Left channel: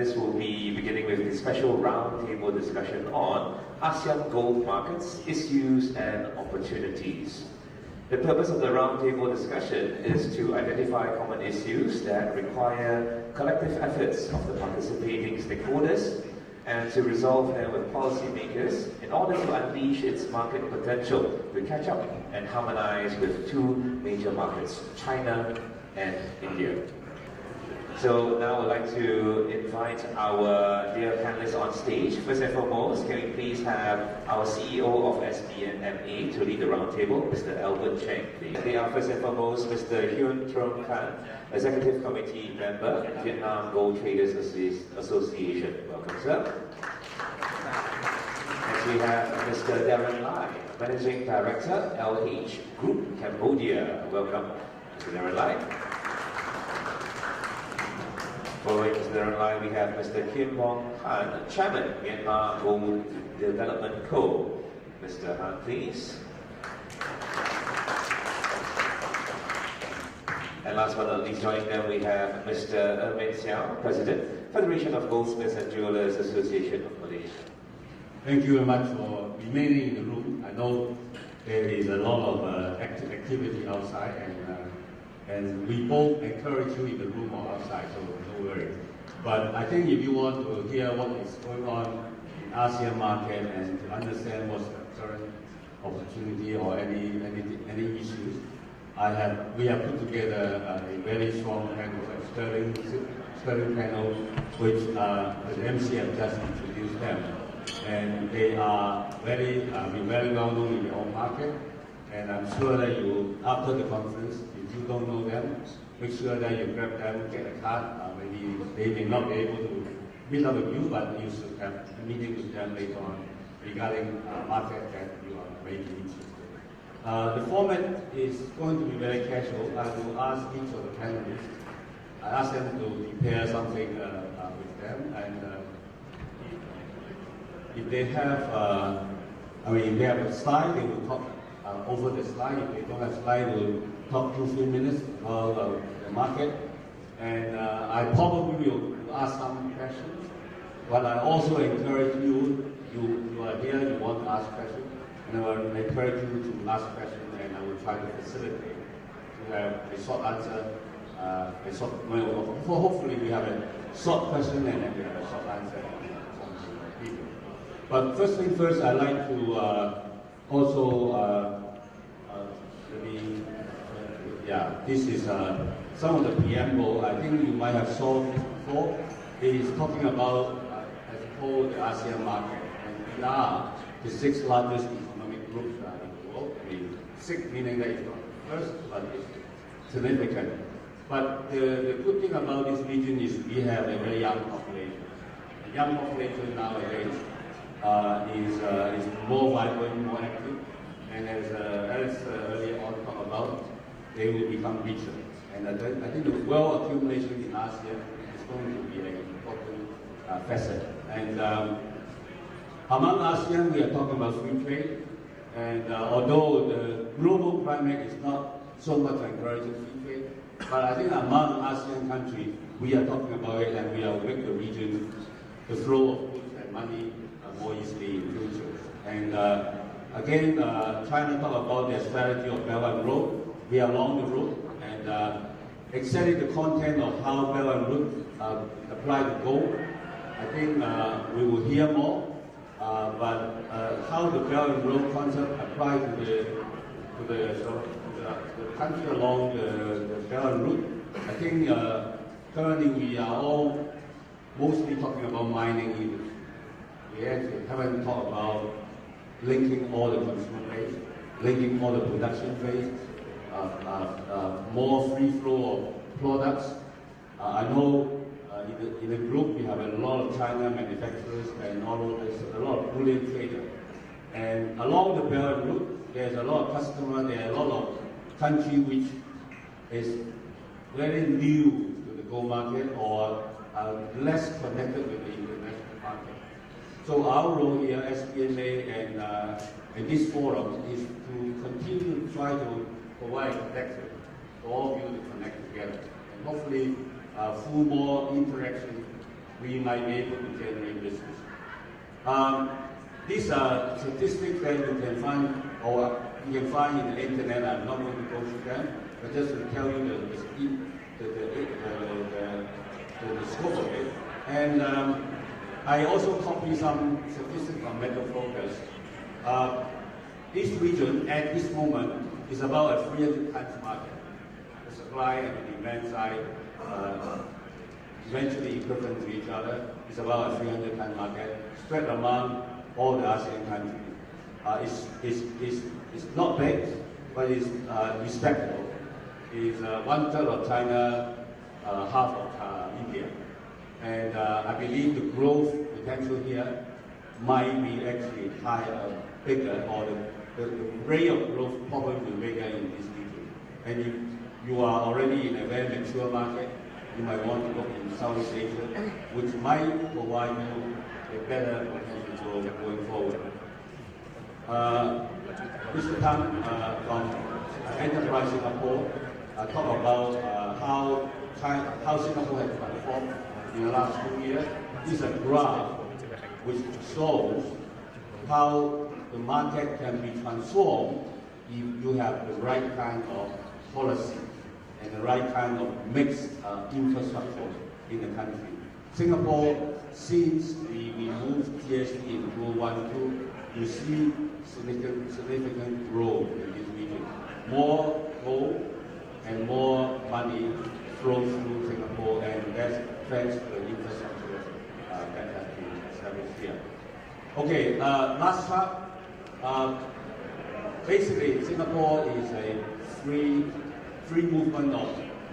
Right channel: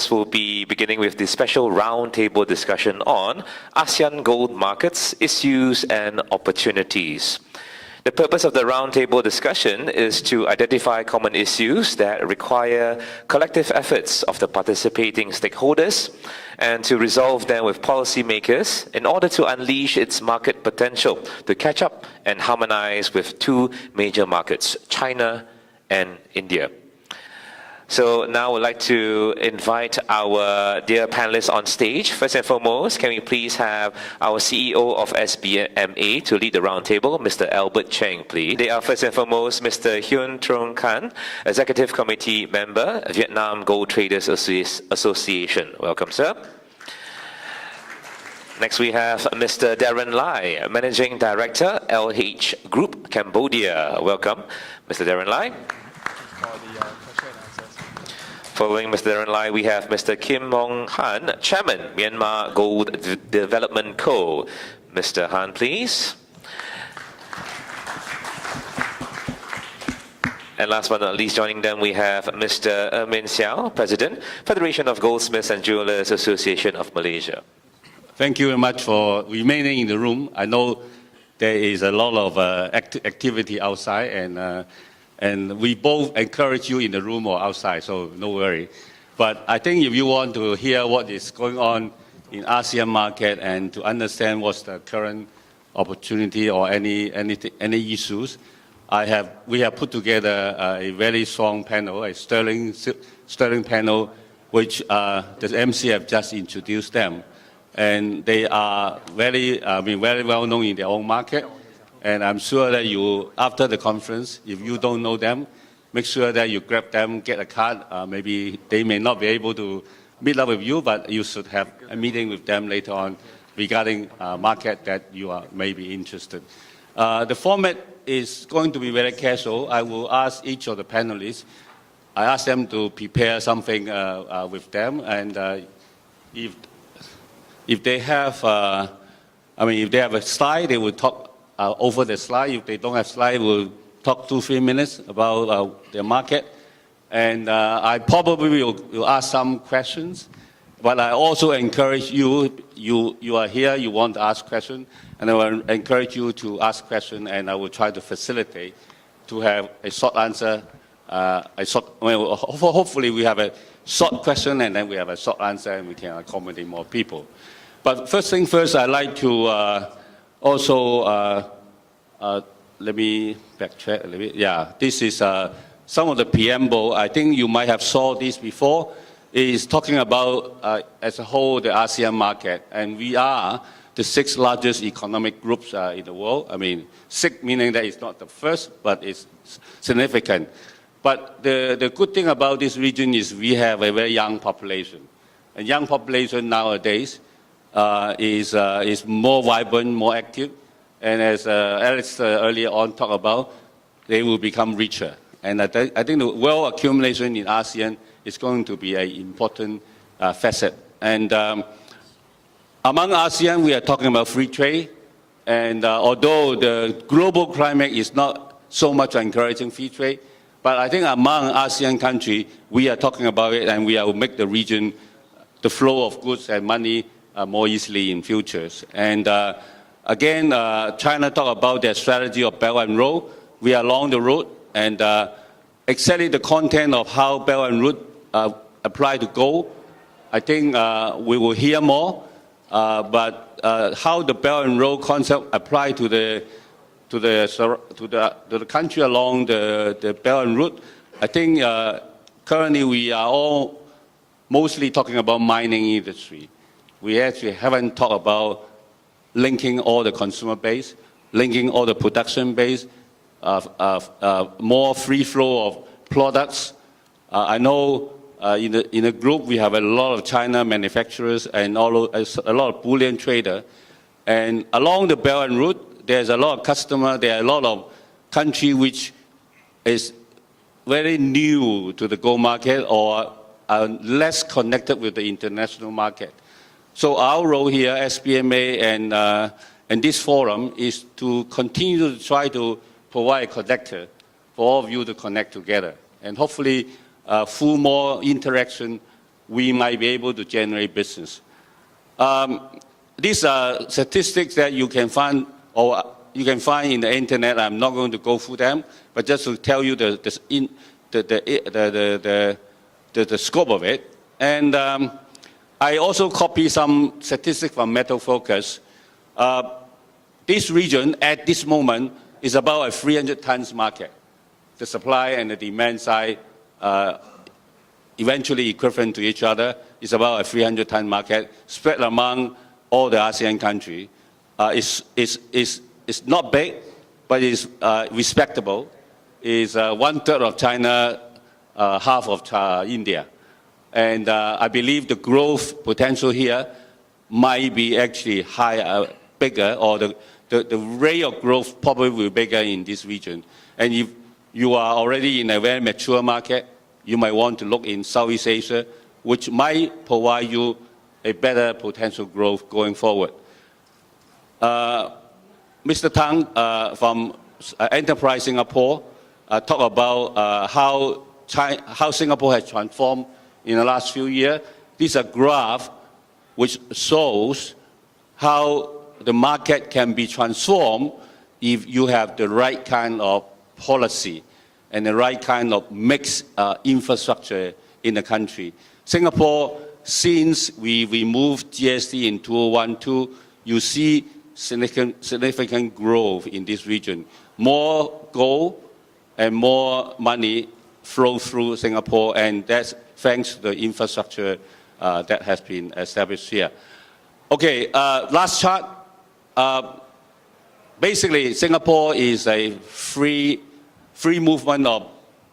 panelists will be beginning with the special roundtable discussion on ASEAN gold markets, issues and opportunities. The purpose of the roundtable discussion is to identify common issues that require collective efforts of the participating stakeholders and to resolve them with policymakers in order to unleash its market potential to catch up and harmonize with two major markets, China and India. So now I would like to invite our dear panelists on stage. First and foremost, can we please have our CEO of SBMA to lead the roundtable, Mr. Albert Cheng, please. They are first and foremost Mr. Huynh, Executive Committee Member, Vietnam Gold Traders Association. Welcome, sir. Next we have Mr. Darren Lai, Managing Director, LH Group, Cambodia. Welcome, Mr. Darren Lai. Following Mr. Darren Lai, we have Mr. Kim Maung Han, Chairman, Myanmar Gold Development Co. Mr. Han, please. And last but not least, joining them, we have Mr. Ermin Siow, President, Federation of Goldsmiths and Jewellers Association of Malaysia. Thank you very much for remaining in the room. I know there is a lot of activity outside, and we both encourage you in the room or outside, so no worry. But I think if you want to hear what is going on in ASEAN market and to understand what's the current opportunity or any issues, we have put together a very strong panel, a sterling panel, which the MC have just introduced them. And they are very well known in their own market. And I'm sure that you, after the conference, if you don't know them, make sure that you grab them, get a card. Maybe they may not be able to meet up with you, but you should have a meeting with them later on regarding market that you are maybe interested. The format is going to be very casual. I will ask each of the panelists, I ask them to prepare something with them, and if they have, if they have a slide, they will talk over the slide. If they don't have slide, we'll talk 2-3 minutes about the market. And I probably will ask some questions, but I also encourage you are here, you want to ask questions, and I will encourage you to ask questions, and I will try to facilitate to have a short answer, hopefully we have a short question and then we have a short answer and we can accommodate more people. But first thing first, I'd like to let me backtrack a little bit. Yeah, this is some of the preamble. I think you might have saw this before. It is talking about, as a whole, the ASEAN market. And we are the 6th largest economic groups in the world. I mean, 6 meaning that it's not the first, but it's significant. But the good thing about this region is we have a very young population. A young population nowadays is more vibrant, more active. And as Alex earlier on talked about, they will become richer. And I think the wealth accumulation in ASEAN is going to be an important facet. And among ASEAN, we are talking about free trade. And although the global climate is not so much encouraging free trade, but I think among ASEAN countries, we are talking about it, and we will make the region, the flow of goods and money more easily in futures. And again, China talked about their strategy of Belt and Road. We are along the road, and exactly the content of how Belt and Road apply to gold, I think we will hear more. But how the Belt and Road concept apply to the country along the Belt and Road, I think currently we are all mostly talking about mining industry. We actually haven't talked about linking all the consumer base, linking all the production base, more free flow of products. I know in the group we have a lot of China manufacturers and a lot of bullion traders. And along the Belt and Road, there's a lot of customers, there are a lot of countries which is very new to the gold market or are less connected with the international market. So our role here, SBMA and this forum, is to continue to try to provide a connector for all of you to connect together. And hopefully, through more interaction, we might be able to generate business. These are statistics that you can find in the internet. I'm not going to go through them, but just to tell you the scope of it. And I also copy some statistics from Metal Focus. This region at this moment is about a 300 tons market. The supply and the demand side eventually equivalent to each other. Is about a 300 ton market spread among all the ASEAN countries. It's not big, but it's respectable. It's 1/3 of China, half of India. And I believe the growth potential here might be actually higher, bigger, or the rate of growth probably will be bigger in this region. And if you are already in a very mature market, you might want to look in Southeast Asia, which might provide you a better potential growth going forward. Mr. Tang from Enterprise Singapore talked about how Singapore has transformed in the last few years. This is a graph which shows how the market can be transformed if you have the right kind of policy and the right kind of mixed infrastructure in the country. Singapore, since we removed GST in 2012, you see significant growth in this region. More gold and more money flow through Singapore, and that's thanks to the infrastructure that has been established here. Okay, last chart. Basically, Singapore is a free movement of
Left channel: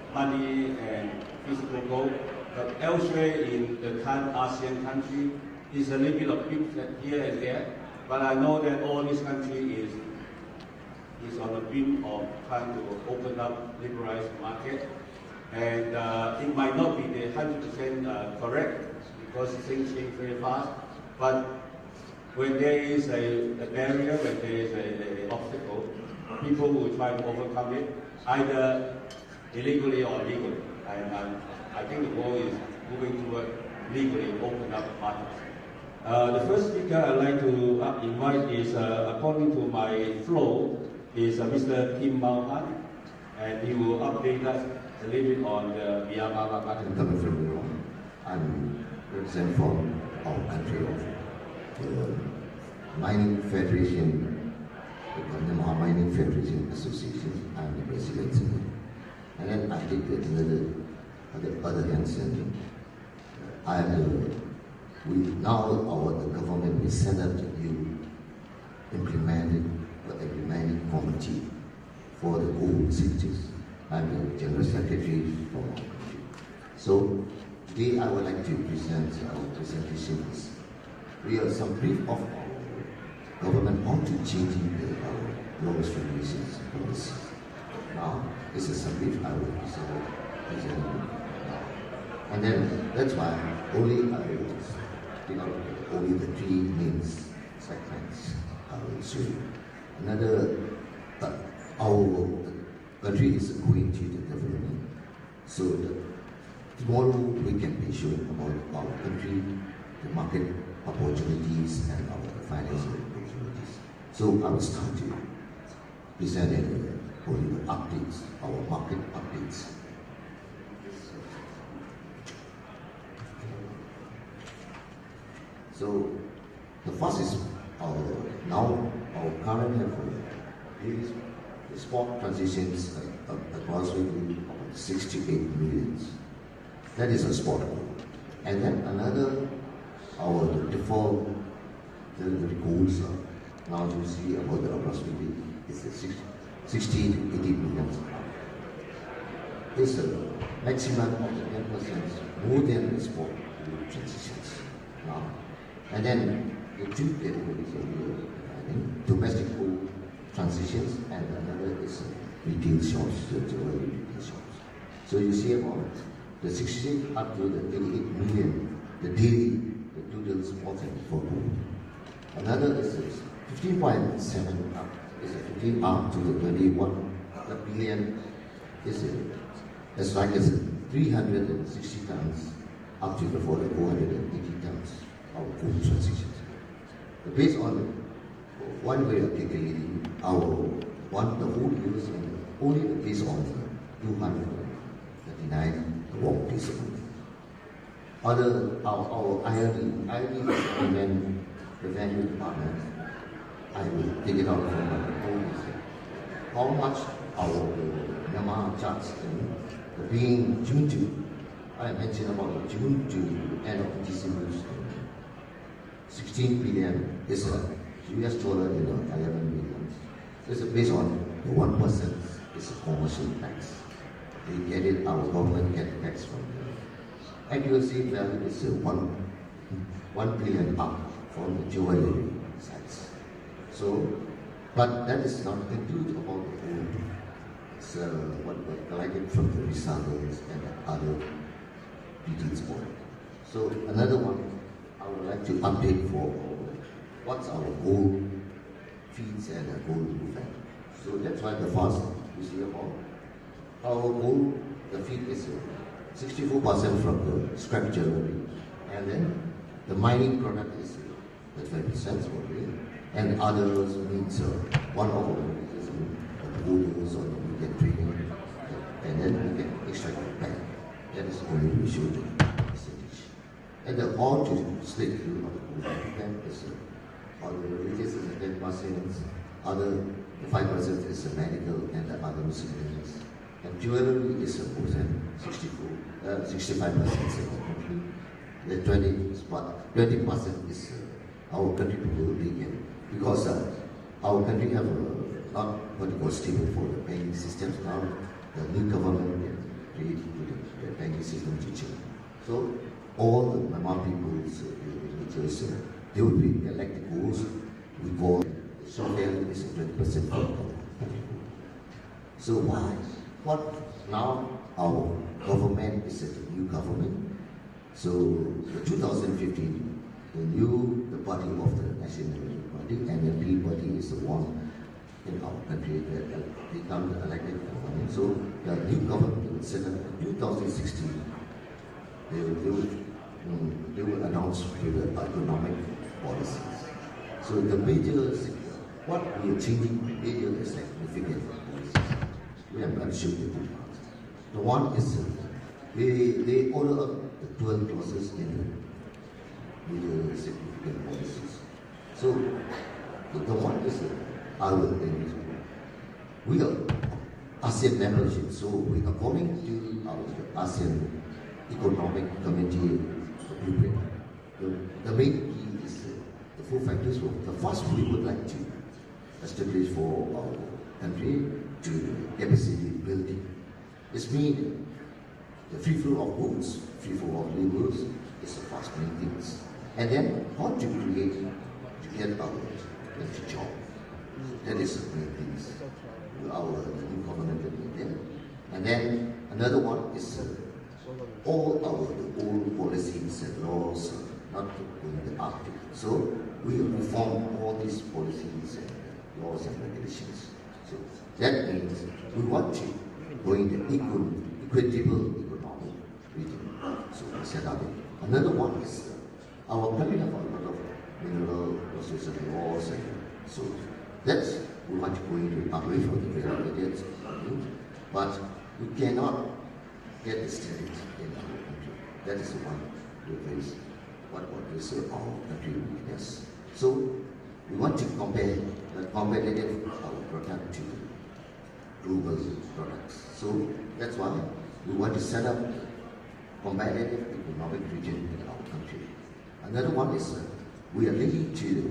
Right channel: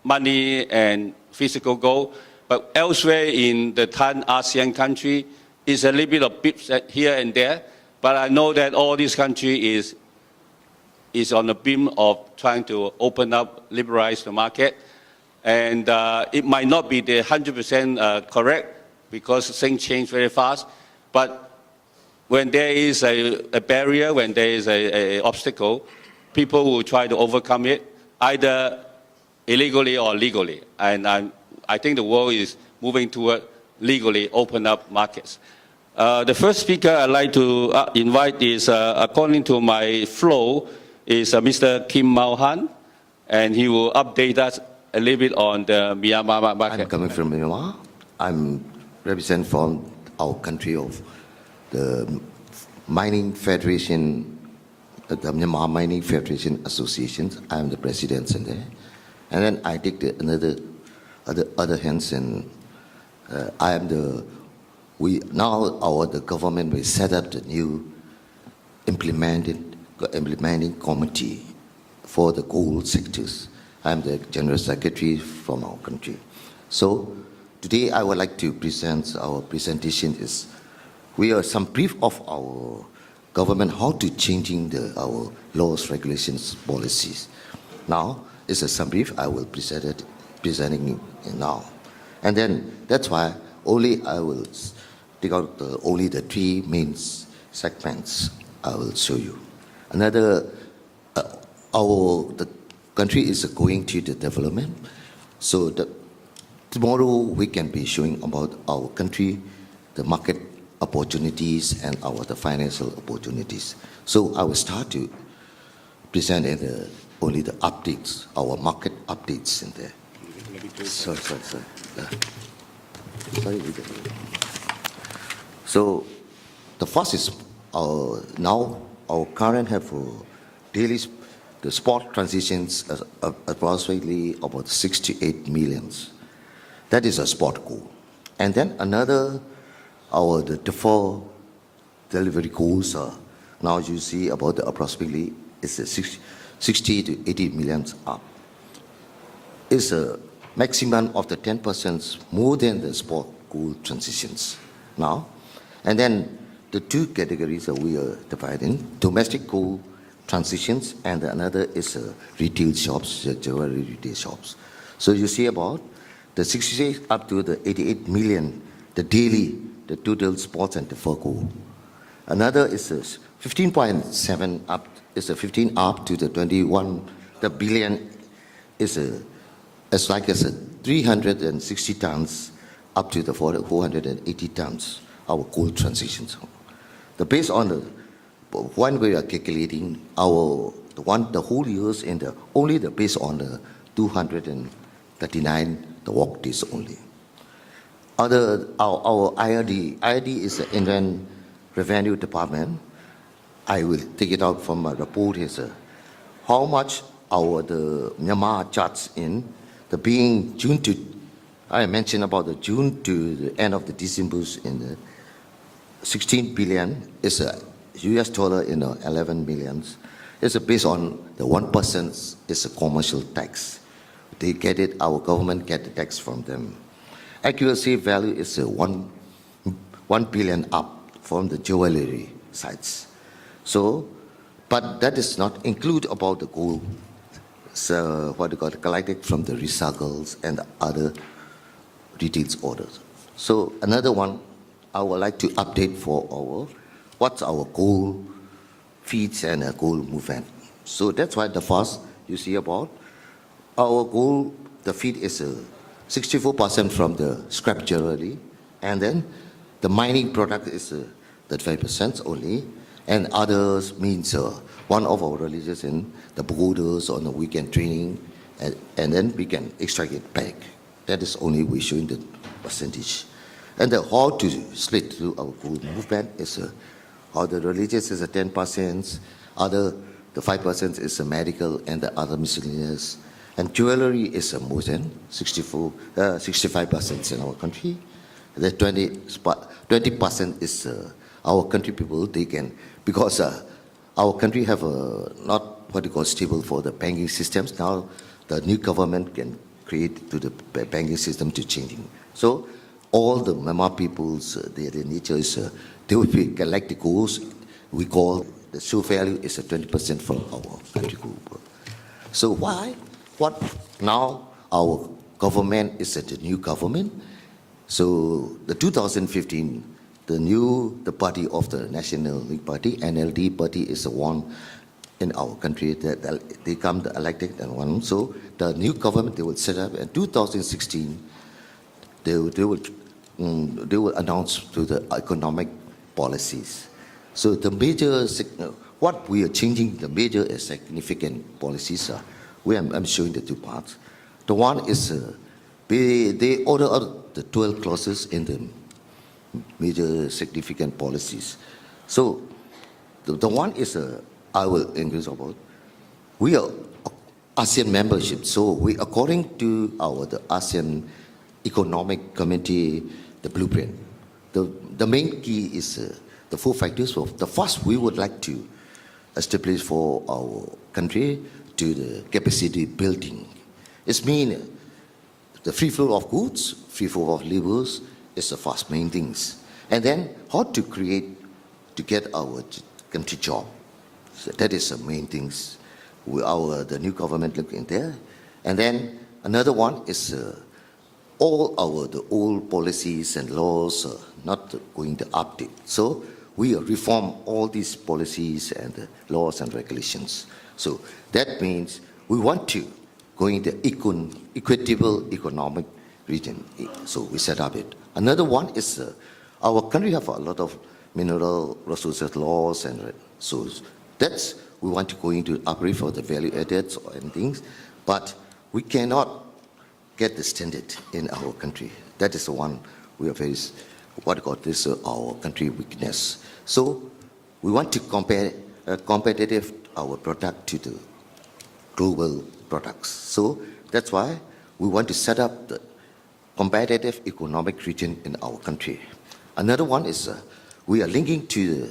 money and physical gold, but elsewhere in the ASEAN country, is a little bit of pips here and there. But I know that all these countries is on the beam of trying to open up, liberalize the market, and it might not be the 100% correct because things change very fast. But when there is a barrier, when there is an obstacle, people will try to overcome it, either illegally or legally. And I think the world is moving toward legally open up markets. The first speaker I'd like to invite is, according to my flow, is Mr. Kim Maung, and he will update us a little bit on the Myanmar market. I'm coming from Myanmar. I'm represent from our country of the Mining Federation, the Myanmar Mining Federation Association. I'm the president in there. And then I take the other hands, and I am the, the government will set up the new implementing committee for the gold sectors. I'm the general secretary from our country. So today I would like to present our presentation is, we are some brief of our government how to changing our laws, regulations, policies. Now it's a some brief I will presenting now, and then that's why only I will take out only the three main segments I will show you. Another, the country is going to the development, so tomorrow we can be showing about our country, the market opportunities and the financial opportunities. So I will start to present only the updates, our market updates in there. Sorry. So the first is now our current have daily the spot transitions approximately about 6 to 8 million. That is a spot goal. And then another, the default delivery goals are now you see about approximately it's a 60 to 80 million up. It's a maximum of the 10% more than the spot goal transitions now. And then the two categories that we are dividing: domestic gold transitions, and another is retail shops, jewellery retail shops. So you see about the 66 up to the 88 million, the daily, the total spots and default gold. Another is 15.7 up, is a 15 up to the 21. The billion is as like as 360 tons up to the 480 tons, our gold transition zone. Based on the one we are calculating the whole years and only based on the 239 the work days only. Our IRD is the Indian Revenue Department. I will take it out from my report is how much the Myanmar charges in the being June to, I mentioned about the June to the end of the December in the 16 billion is a US dollar in 11 millions. It's based on the 1% is a commercial tax. They get it, our government get the tax from them. Accuracy value is 1 billion up from the jewellery sites. So, but that is not include about the gold. So what you got collected from the recycles and the other details orders. So another one, I would like to update for what's our gold feeds and gold movement. So that's why the first you see about our gold, the feed is 64% from the scrap jewellery, and then the mining product is 35% only, and others means one of our religions in the pagodas on the weekend training, and then we can extract it back. That is only we show the percentage. And how to split through our gold movement is how the religious is 10%, the 5% is medical and the other miscellaneous. And jewellery is more than 65% in our country. The 20% is our country people, they can, because our country have not what you call stable for the banking systems. Now the new government can create to the banking system to changing. So all the Myanmar people's, their nature is, they will be collect the goals. We call the show value is 20% from our country group. So why? What now our government is the new government. So the 2015, the party of the National League Party, NLD party is the one in our country that they come the elected and one. So the new government they will set up in 2016. They will announce to the economic policies. So the major what we are changing, the major significant policies are. I'm showing the two parts. The one is they order out the 12 clauses in the major significant policies. So the one is I will English about. We are ASEAN membership. So we according to the ASEAN Economic Committee, the blueprint. The main key is the 4 factors. The first we would like to establish for our country to the capacity building. It means the free flow of goods, free flow of laborers is the first main things. And then how to create, to get our country job. So that is the main things. The new government looking there. And then another one is all the old policies and laws not going to update. So we reform all these policies and laws and regulations. So that means we want to go into equitable economic region. So we set up it. Another one is our country have a lot of mineral resources laws, and so that's we want to go into upgrade for the value added and things, but we cannot get the standard in our country. That is the one we are very our country weakness. So we want to compare competitive our product to the global products. So that's why we want to set up the competitive economic region in our country. Another one is we are linking to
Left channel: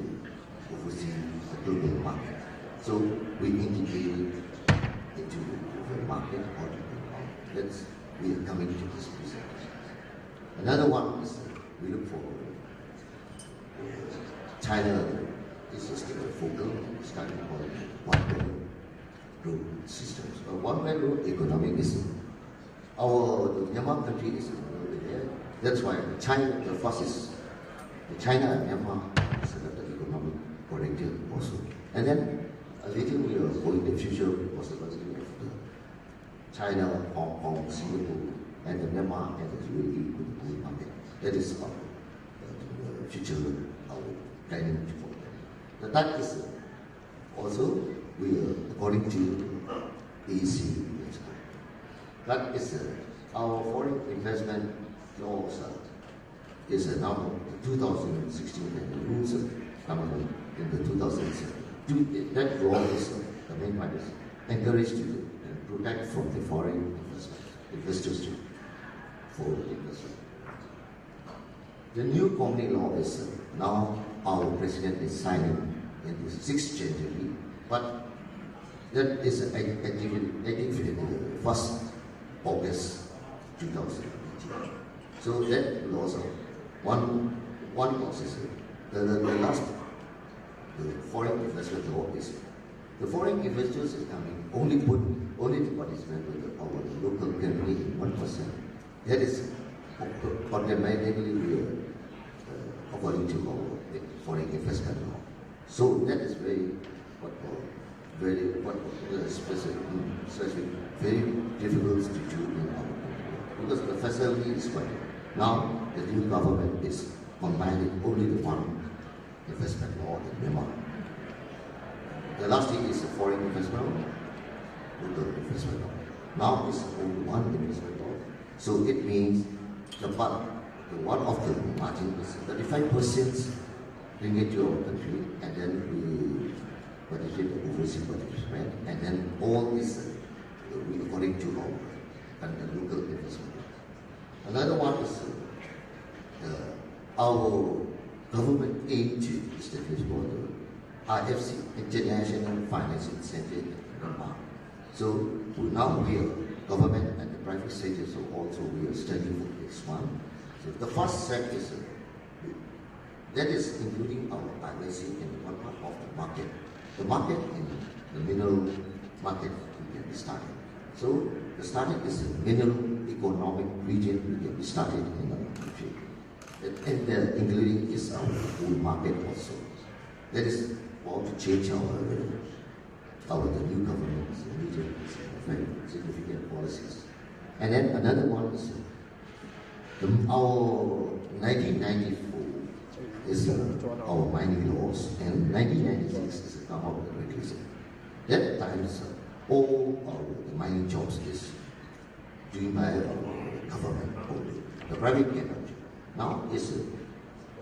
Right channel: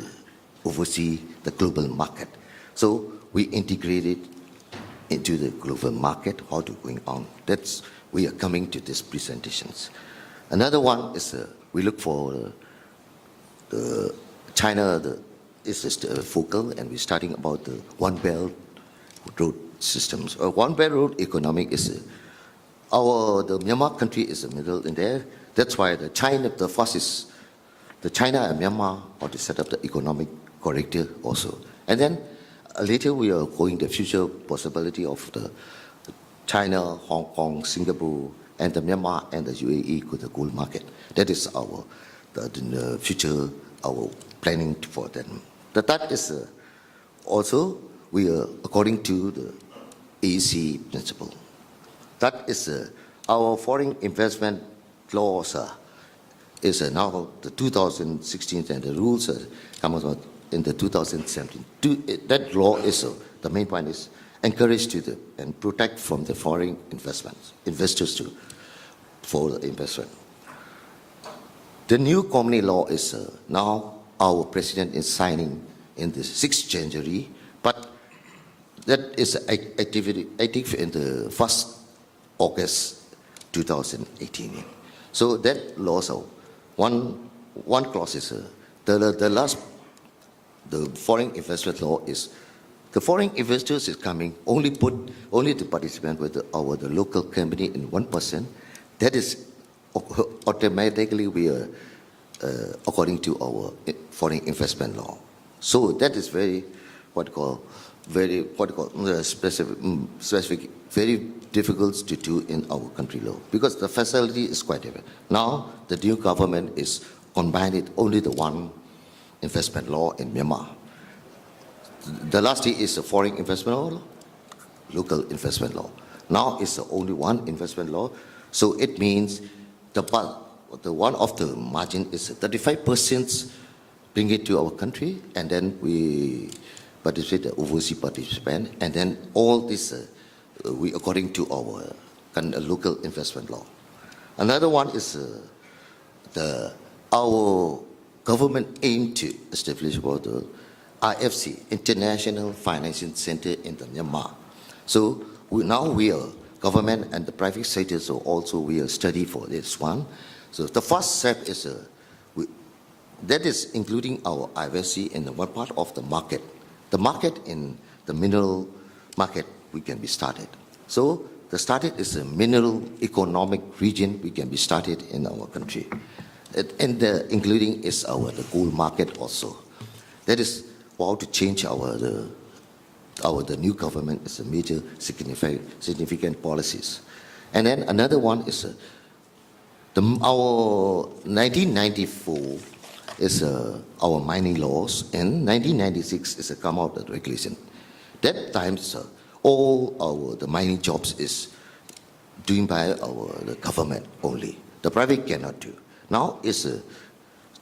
oversee the global market. So we integrated into the global market, how to going on. That's we are coming to these presentations. Another one is we look for China is just focal, and we're starting about the One Belt road systems. One Belt road economic is the Myanmar country is the middle in there. That's why the China and Myanmar how to set up the economic corridor also. And then later we are going the future possibility of the China, Hong Kong, Singapore, and the Myanmar and the UAE with the gold market. That is the future, our planning for them. The third is also we are according to the AEC principle. That is our foreign investment laws is now the 2016 and the rules come out in the 2017. That law is the main point is encourage to and protect from the foreign investors for the investment. The new company law is now our president is signing in the 6th January, but that is active in the 1st August 2018. So that law, one clause is the foreign investment law is the foreign investors is coming only the participant with the local company in 1%. That is automatically we are according to our foreign investment law. So that is very specific, very difficult to do in our country law because the facility is quite different. Now the new government is combining only the one investment law in Myanmar. The last thing is the foreign investment law, local investment law. Now it's only one investment law, so it means the one of the margin is 35% bring it to our country, and then we participate the overseas participant, and then all this we according to our local investment law. Another one is our government aim to establish the IFC, International Financing Center in the Myanmar. So now we are government and the private sector, so also we are study for this one. So the first step is that is including our IFC in one part of the market. The market in the mineral market we can be started. So the starting is a mineral economic region we can be started in our country. And including is the gold market also. That is how to change the new government is a major significant policies. And then another one is our 1994 is our mining laws, and 1996 is a come out of regulation. That time all the mining jobs is doing by the government only. The private cannot do. Now it's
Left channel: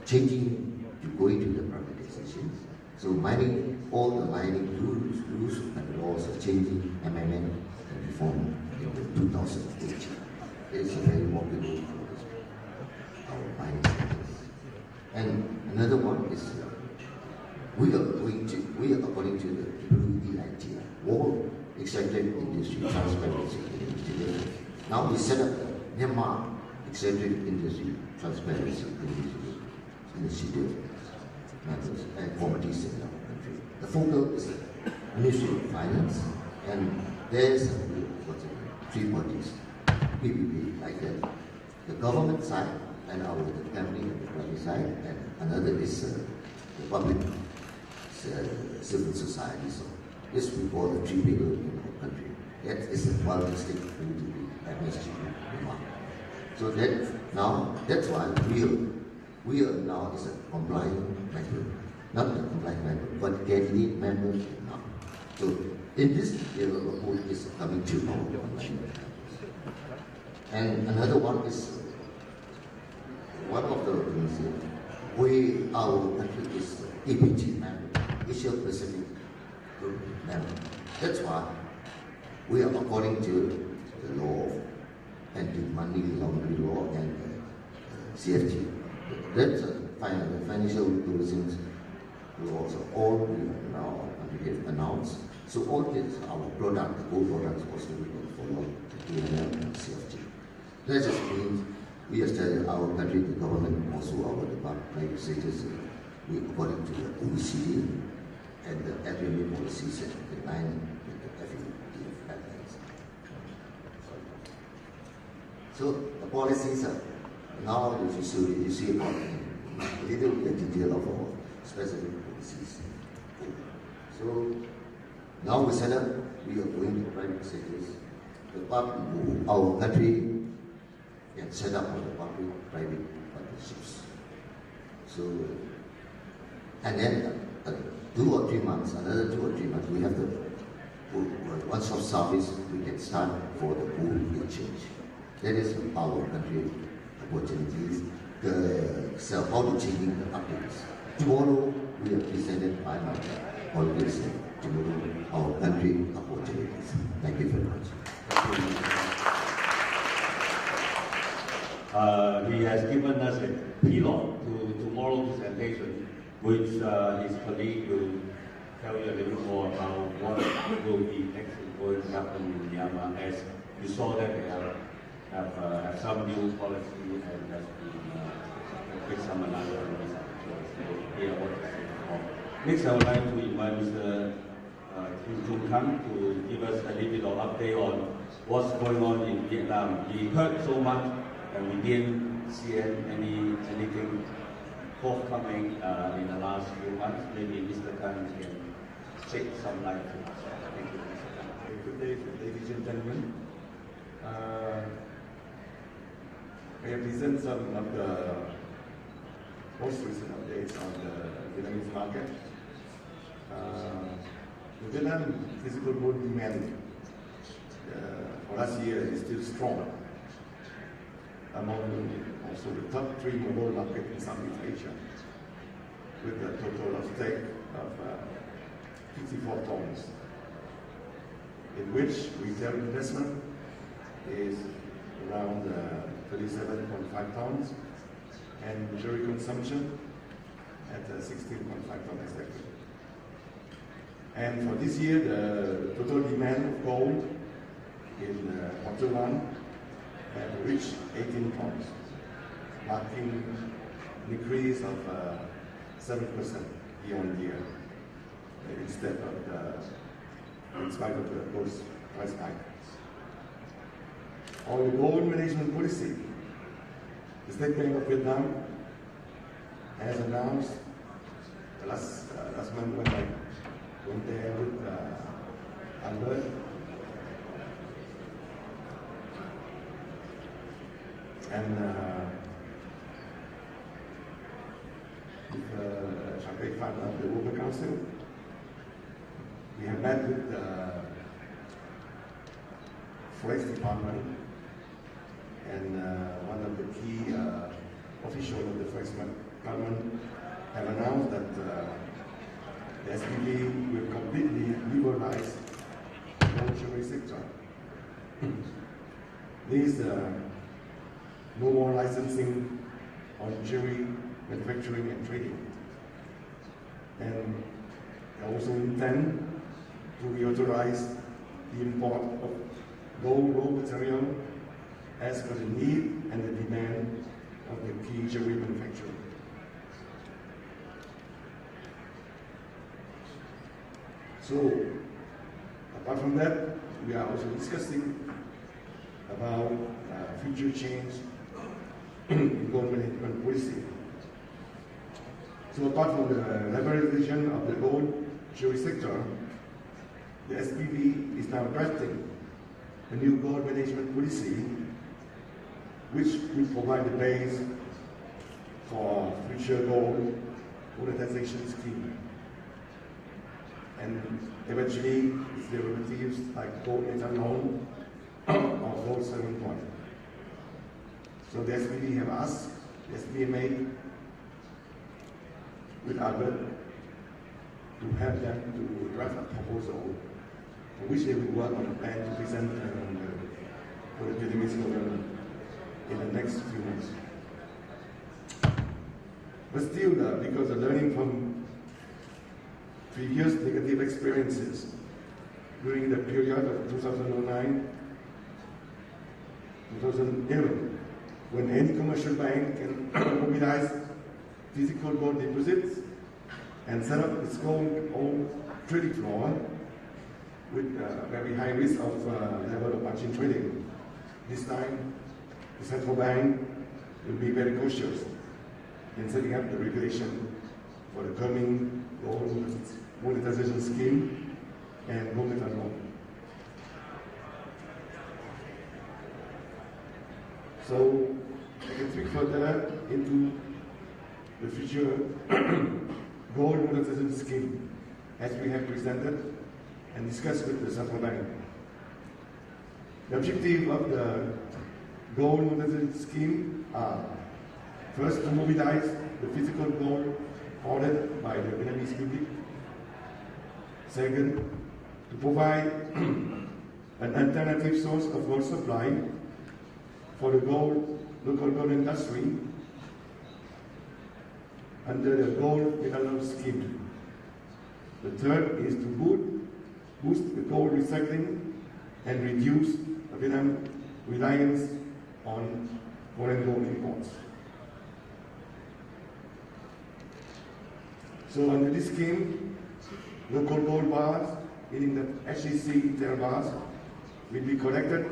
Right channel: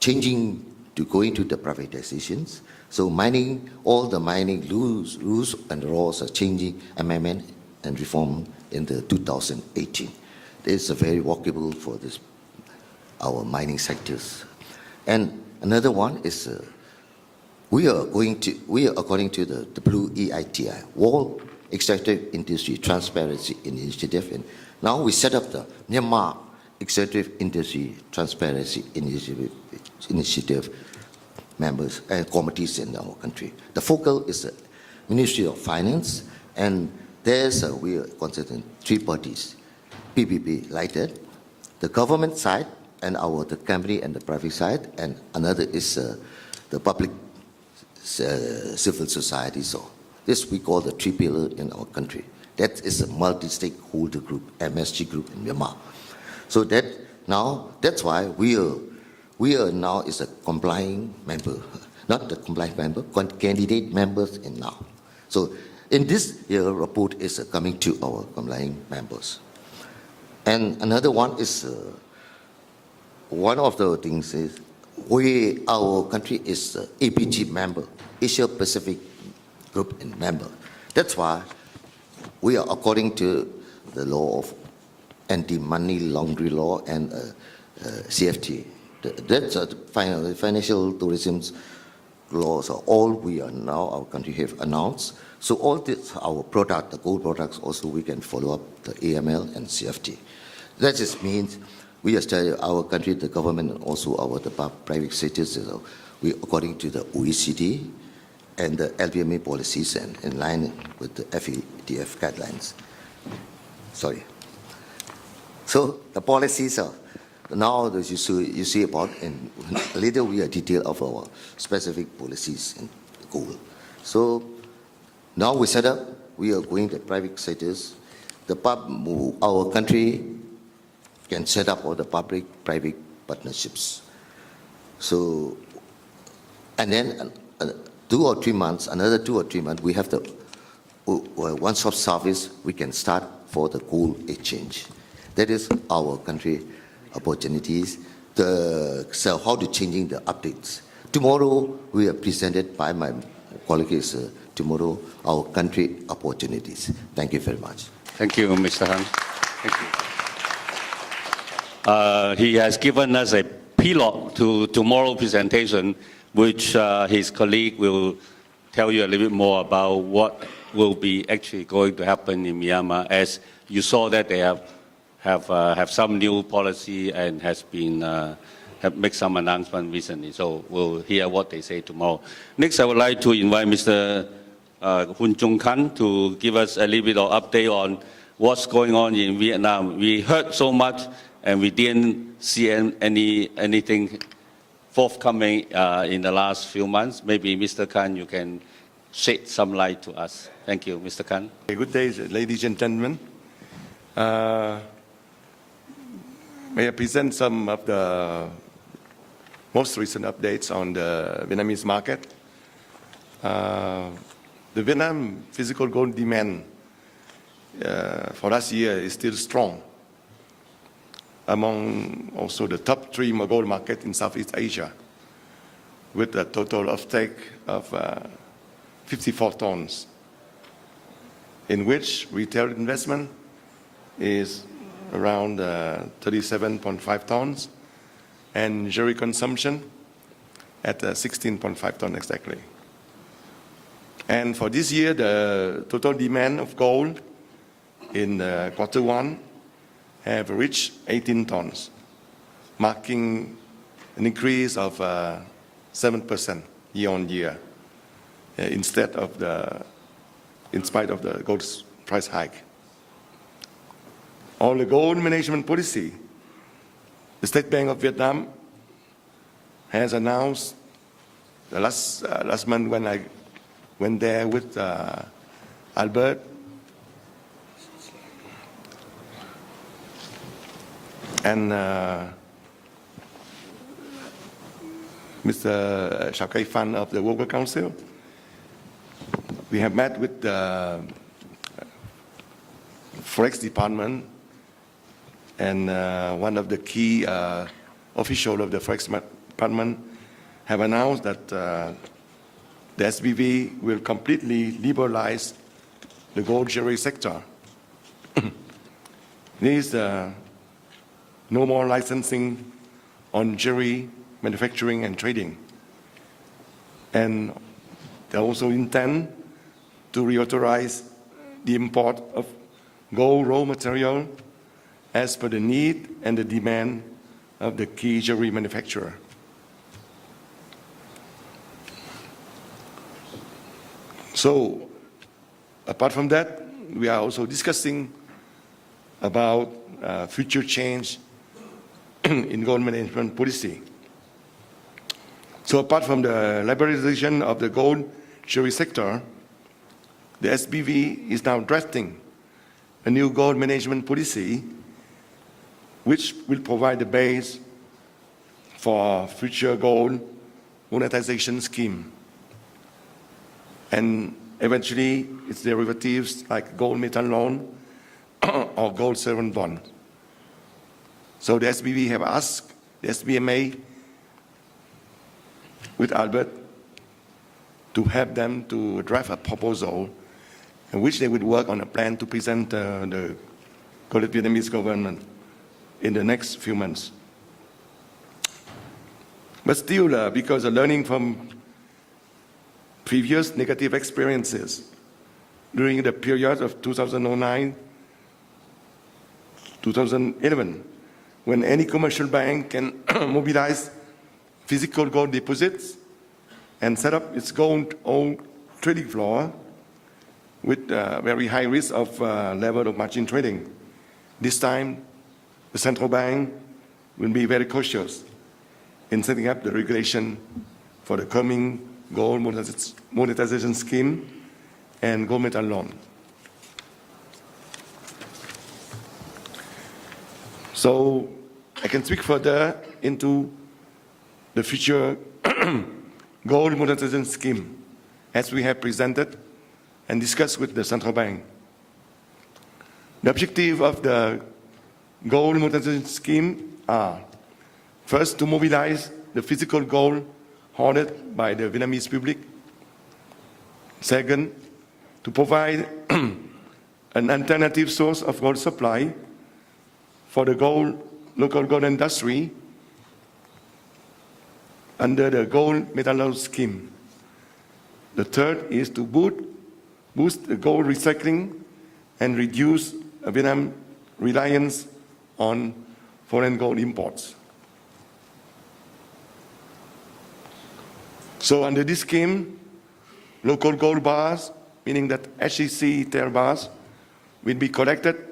changing to go into the privatizations. So all the mining rules and laws are changing, amendment and reform in the 2018. It's a very workable for our mining sectors. And another one is we are according to the Blue EITI, World Extractive Industry Transparency Initiative. Now we set up the Myanmar Extractive Industry Transparency Initiative members and committees in our country. The focal is the Ministry of Finance, and there's we are considering 3 parties, PPP like that, the government side, and the company and the private side, and another is the public civil society. So this we call the 3 pillar in our country. That is a multi-stakeholder group, MSG group in Myanmar. So that's why we are now is a complying member, not the compliant member, candidate members in now. So in this year report is coming to our complying members. And another one is one of the things is our country is APG member, Asia Pacific Group in member. That's why we are according to the law of anti-money laundering law and CFT. That's financial tourism laws are all we are now our country have announced. So all this our product, the gold products also we can follow up the AML and CFT. That just means we are studying our country, the government, and also the private sectors. We according to the OECD and the SBMA policies and in line with the FATF guidelines. Sorry. So the policies are now you see about later we are detail of our specific policies in gold. So now we set up, we are going to private sectors. Our country can set up all the public-private partnerships. So, and then 2 or 3 months, another 2 or 3 months, we have the one-stop service we can start for the gold exchange. That is our country opportunities. So how to changing the updates. Tomorrow we are presented by my colleagues. Tomorrow our country opportunities. Thank you very much. Thank you, Mr. Han. He has given us a pilote to tomorrow's presentation, which his colleague will tell you a little bit more about what will be actually going to happen in Myanmar. As you saw that they have some new policy and have made some announcement recently. So we'll hear what they say tomorrow. Next, I would like to invite Mr. Khanh to give us a little bit of update on what's going on in Vietnam. We heard so much and we didn't see anything forthcoming in the last few months. Maybe Mr. Khanh, you can shed some light to us. Thank you, Mr. Khanh. Good day, ladies and gentlemen. May I present some of the most recent updates on the Vietnamese market. The Vietnam physical gold demand for last year is still strong among also the top 3 gold markets in Southeast Asia, with a total offtake of 54 tons, in which retail investment is around 37.5 tons, and jewelry consumption at 16.5 tons exactly. And for this year, the total demand of gold in quarter 1 have reached 18 tons, marking an increase of 7% year on year, in spite of the gold price hike. On the gold management policy, the State Bank of Vietnam has announced the last month when I went there with Albert, and Mr. Shakai Fan of the Worker Council. We have met with the Forex Department, and one of the key officials of the Forex Department have announced that the SBV will completely liberalize the gold jewelry sector. There is no more licensing on jewelry manufacturing and trading. And they also intend to reauthorize the import of gold raw material as per the need and the demand of the key jewelry manufacturer. So, apart from that, we are also discussing about future change in gold management policy. So apart from the liberalization of the gold jewelry sector, the SBV is now drafting a new gold management policy which will provide the base for future gold monetization scheme, and eventually its derivatives like gold metal loan or gold sovereign bond. So the SBV have asked the SBMA with Albert to help them to draft a proposal in which they would work on a plan to present the Vietnamese government in the next few months. But still, because of learning from previous negative experiences during the period of 2009-2011, when any commercial bank can mobilize physical gold deposits and set up its own trading floor with very high risk of level of margin trading. This time, the central bank will be very cautious in setting up the regulation for the coming gold monetization scheme and gold metal loan. So I can speak further into the future gold monetization scheme as we have presented and discussed with the central bank. The objective of the gold monetization scheme are first to mobilize the physical gold hoarded by the Vietnamese public. Second, to provide an alternative source of gold supply for the local gold industry under the gold metal loan scheme. The third is to boost the gold recycling and reduce Vietnam's reliance on foreign gold imports. So under this scheme, local gold bars, meaning that HCC tail bars, will be collected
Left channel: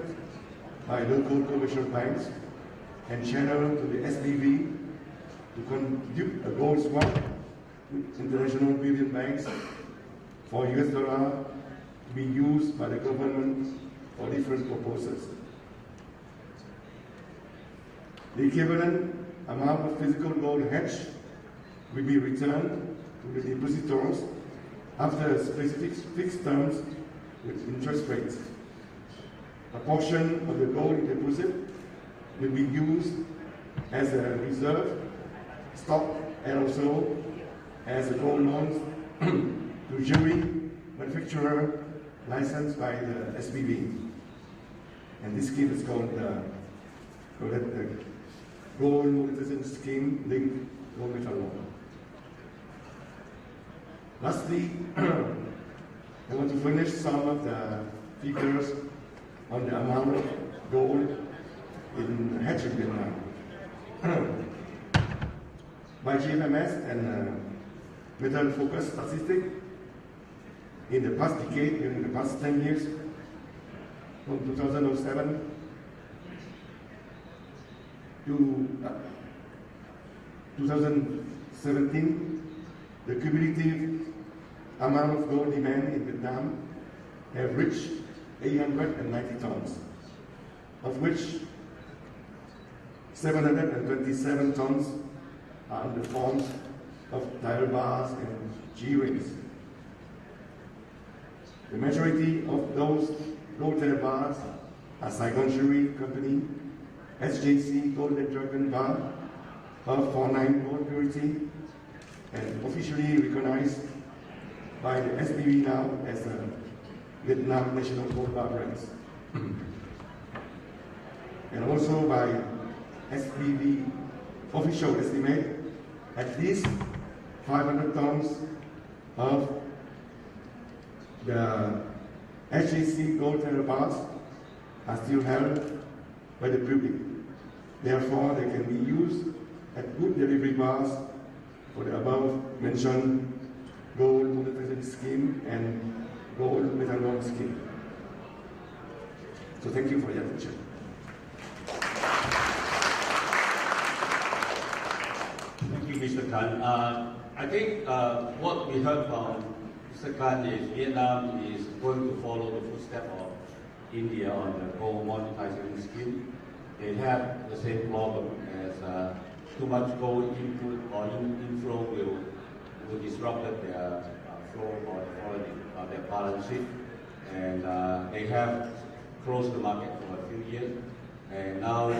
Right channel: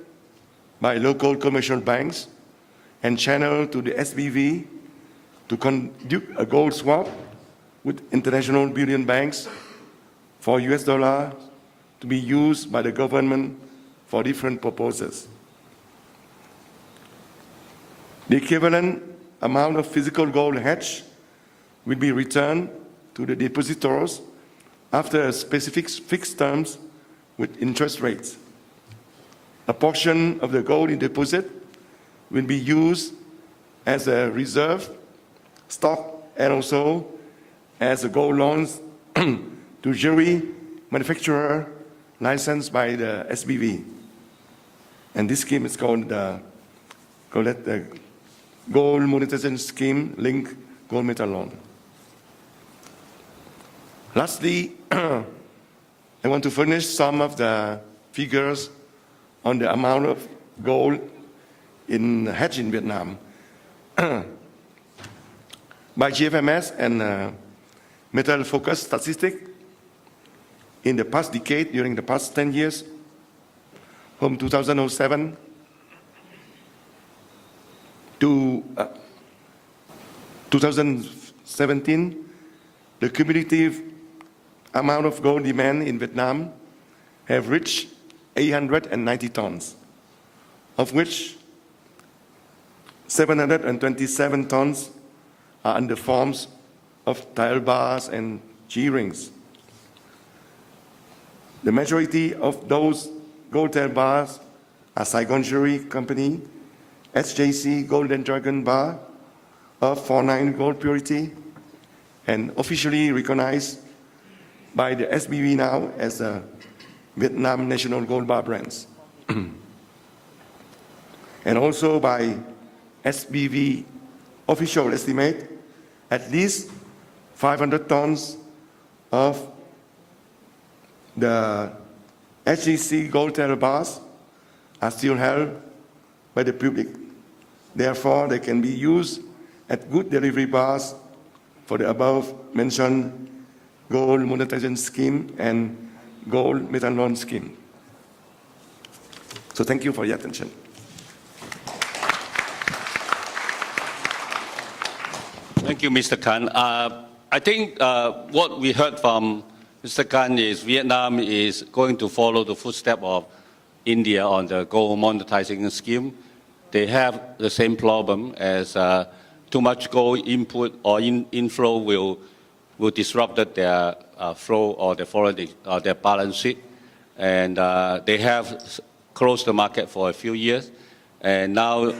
by local commercial banks and channeled to the SBV to conduct a gold swap with international bullion banks for US dollar to be used by the government for different purposes. The equivalent amount of physical gold hedged will be returned to the depositors after a specific fixed terms with interest rates. A portion of the gold in deposit will be used as a reserve stock and also as a gold loans to jewelry manufacturer licensed by the SBV. And this scheme is called the Gold Monetization Scheme Linked Gold Metal Loan. Lastly, I want to furnish some of the figures on the amount of gold hedged in Vietnam. By GFMS and Metal Focus Statistic, in the past decade, during the past 10 years, from 2007 to 2017, the cumulative amount of gold demand in Vietnam have reached 890 tons, of which 727 tons are in the forms of tile bars and G-rings. The majority of those gold tile bars are Saigon Jewelry Company, SJC Gold and Dragon Bar of 49 gold purity, and officially recognized by the SBV now as a Vietnam National Gold Bar brands. And also by SBV official estimate, at least 500 tons of the HGC gold tile bars are still held by the public. Therefore, they can be used at good delivery bars for the above mentioned gold monetization scheme and gold metal loan scheme. So thank you for your attention. Thank you, Mr. Khan. I think what we heard from Mr. Khan is Vietnam is going to follow the footsteps of India on the gold monetizing scheme. They have the same problem as too much gold input or inflow will disrupt their flow or their balance sheet. And they have closed the market for a few years. And now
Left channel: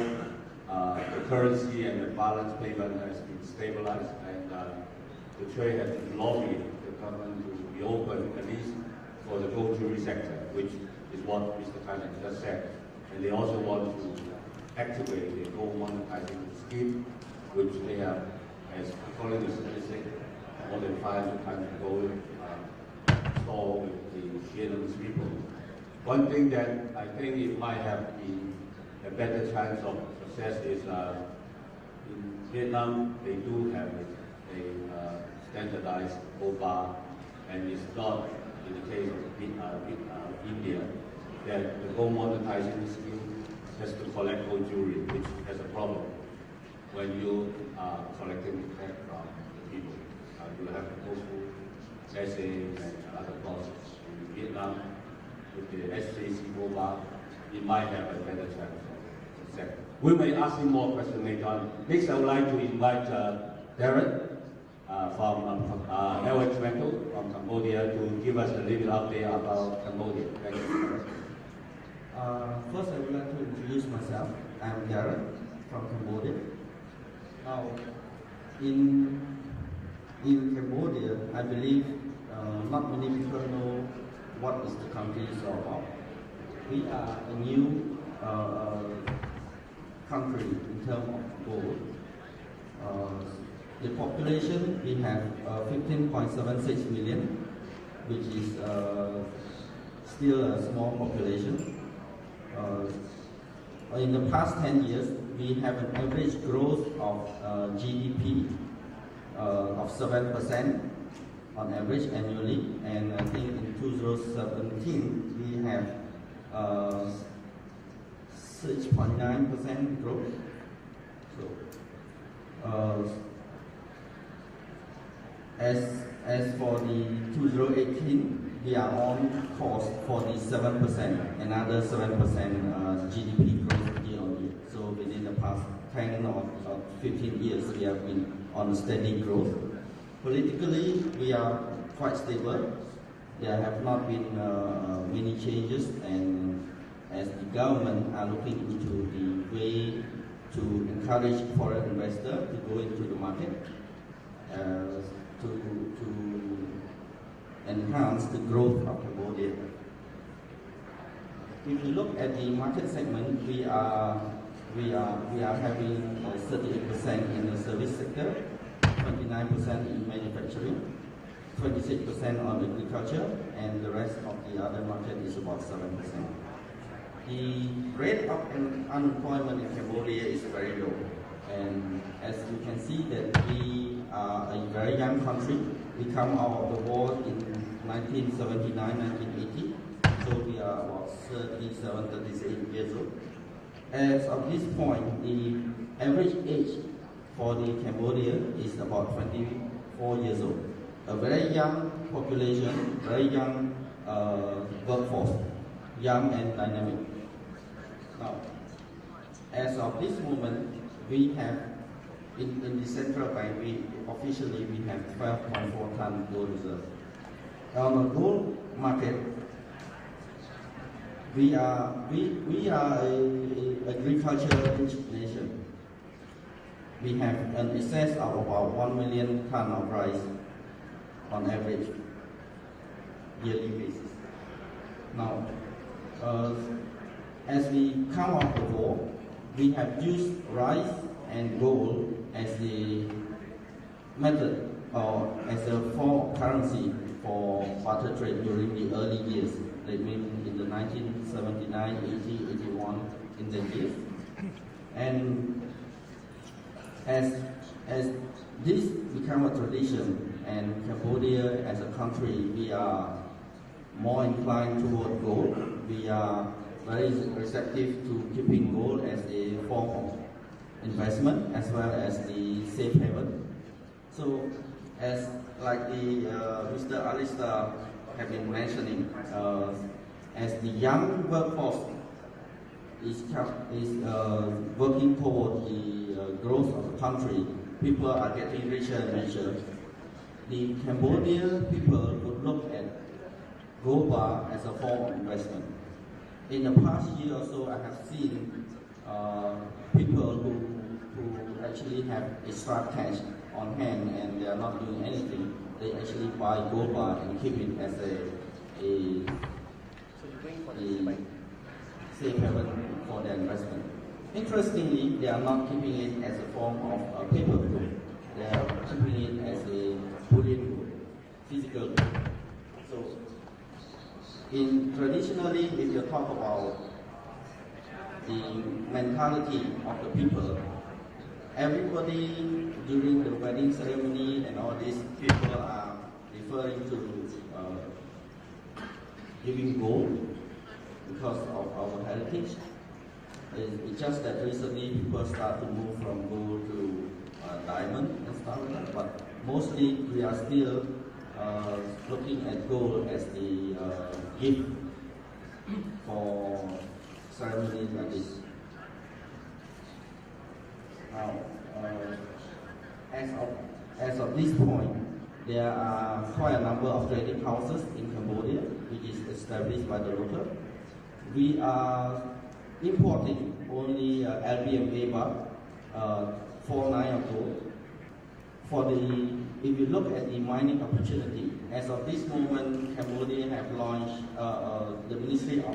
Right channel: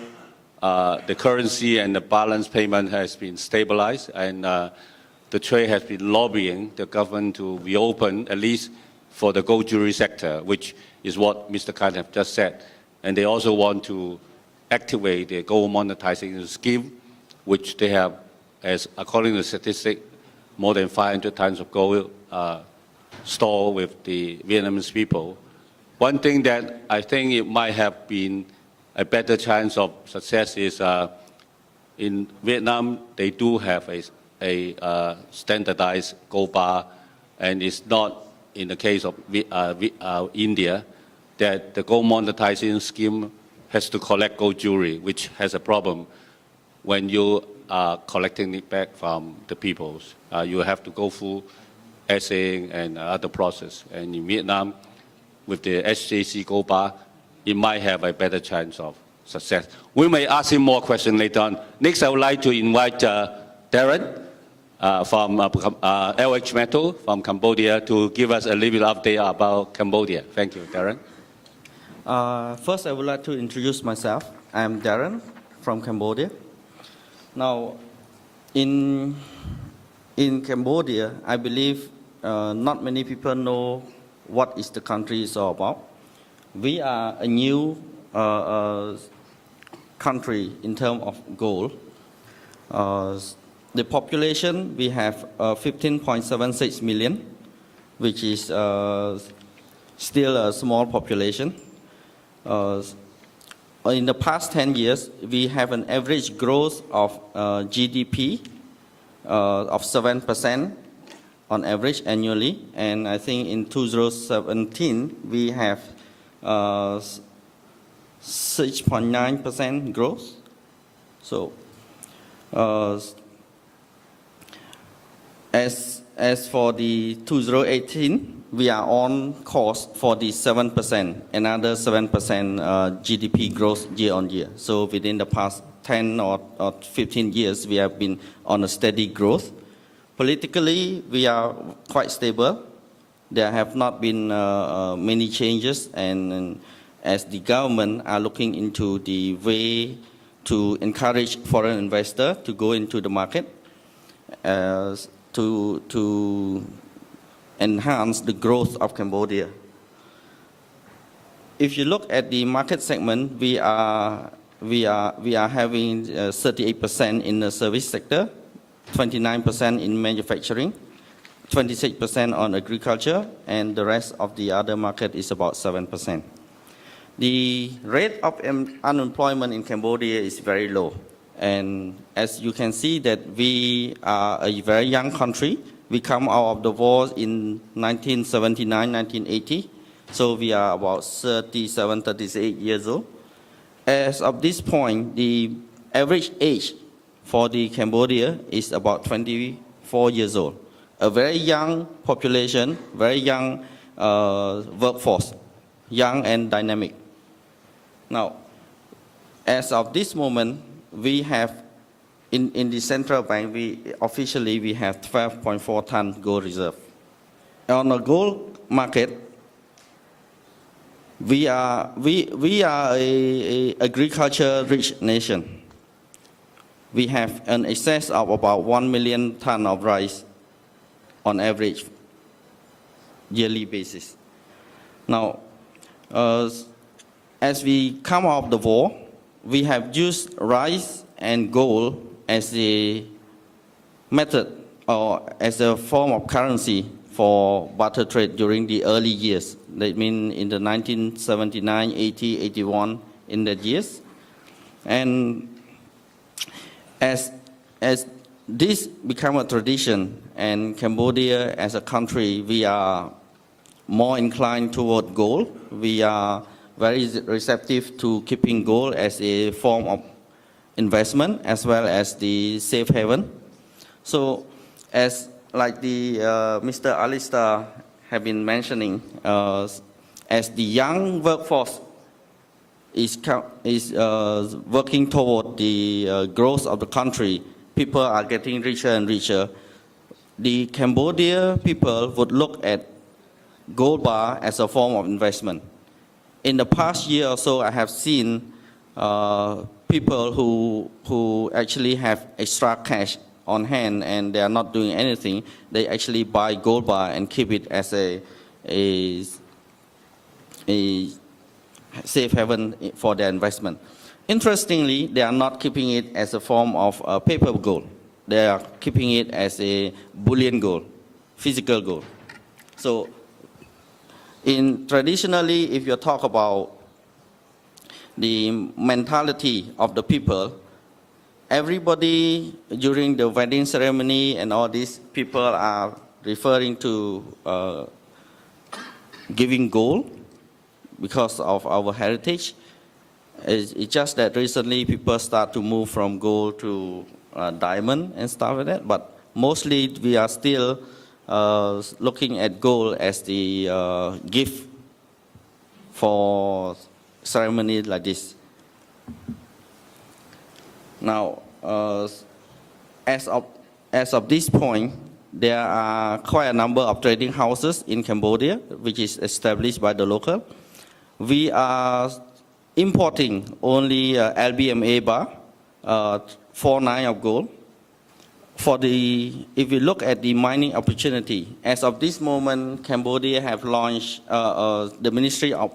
the currency and the balance payment has been stabilized, and the trade has been lobbying the government to reopen, at least for the gold jewelry sector, which is what Mr. Khan have just said. And they also want to activate the gold monetizing scheme, which they have, as according to the statistic, more than 500 tons of gold stored with the Vietnamese people. One thing that I think it might have been a better chance of success is in Vietnam, they do have a standardized gold bar, and it's not in the case of India that the gold monetizing scheme has to collect gold jewelry, which has a problem when you are collecting it back from the peoples. You have to go through assaying and other process. And in Vietnam, with the SJC gold bar, it might have a better chance of success. We may ask him more questions later on. Next, I would like to invite Darren from LH Metal from Cambodia to give us a little bit update about Cambodia. Thank you, Darren. First, I would like to introduce myself. I'm Darren from Cambodia. Now, in Cambodia, I believe not many people know what is the country is all about. We are a new country in terms of gold. The population, we have 15.76 million, which is still a small population. In the past 10 years, we have an average growth of GDP of 7% on average annually, and I think in 2017 we have 6.9% growth. So, as for the 2018, we are on course for the 7%, another 7% GDP growth year on year. So within the past 10 or 15 years, we have been on a steady growth. Politically, we are quite stable. There have not been many changes, and as the government are looking into the way to encourage foreign investors to go into the market, to enhance the growth of Cambodia. If you look at the market segment, we are having 38% in the service sector, 29% in manufacturing, 26% on agriculture, and the rest of the other market is about 7%. The rate of unemployment in Cambodia is very low. And as you can see that we are a very young country. We come out of the war in 1979, 1980. So we are about 37, 38 years old. As of this point, the average age for the Cambodia is about 24 years old. A very young population, very young workforce, young and dynamic. Now, as of this moment, we have, in the central bank, officially we have 12.4 ton gold reserve. On the gold market, we are a agriculture-rich nation. We have an excess of about 1 million ton of rice on average yearly basis. Now, as we come out of the war, we have used rice and gold as a method or as a form of currency for barter trade during the early years. That means in the 1979, 80, 81, in that years. And as this become a tradition, and Cambodia as a country, we are more inclined toward gold. We are very receptive to keeping gold as a form of investment as well as the safe haven. So, as like the Mr. Alistair have been mentioning, as the young workforce is working toward the growth of the country, people are getting richer and richer. The Cambodia people would look at gold bar as a form of investment. In the past year or so, I have seen people who actually have extra cash on hand and they are not doing anything. They actually buy gold bar and keep it as a safe haven for their investment. Interestingly, they are not keeping it as a form of paper gold. They are keeping it as a bullion gold, physical gold. So, traditionally, if you talk about the mentality of the people, everybody during the wedding ceremony and all these people are referring to giving gold because of our heritage. It's just that recently people start to move from gold to diamond and stuff like that, but mostly we are still looking at gold as the gift for ceremony like this. Now, as of this point, there are quite a number of trading houses in Cambodia, which is established by the local. We are importing only LBMA bar, 4.9 of gold. If you look at the mining opportunity, as of this moment, Cambodia have launched the Ministry of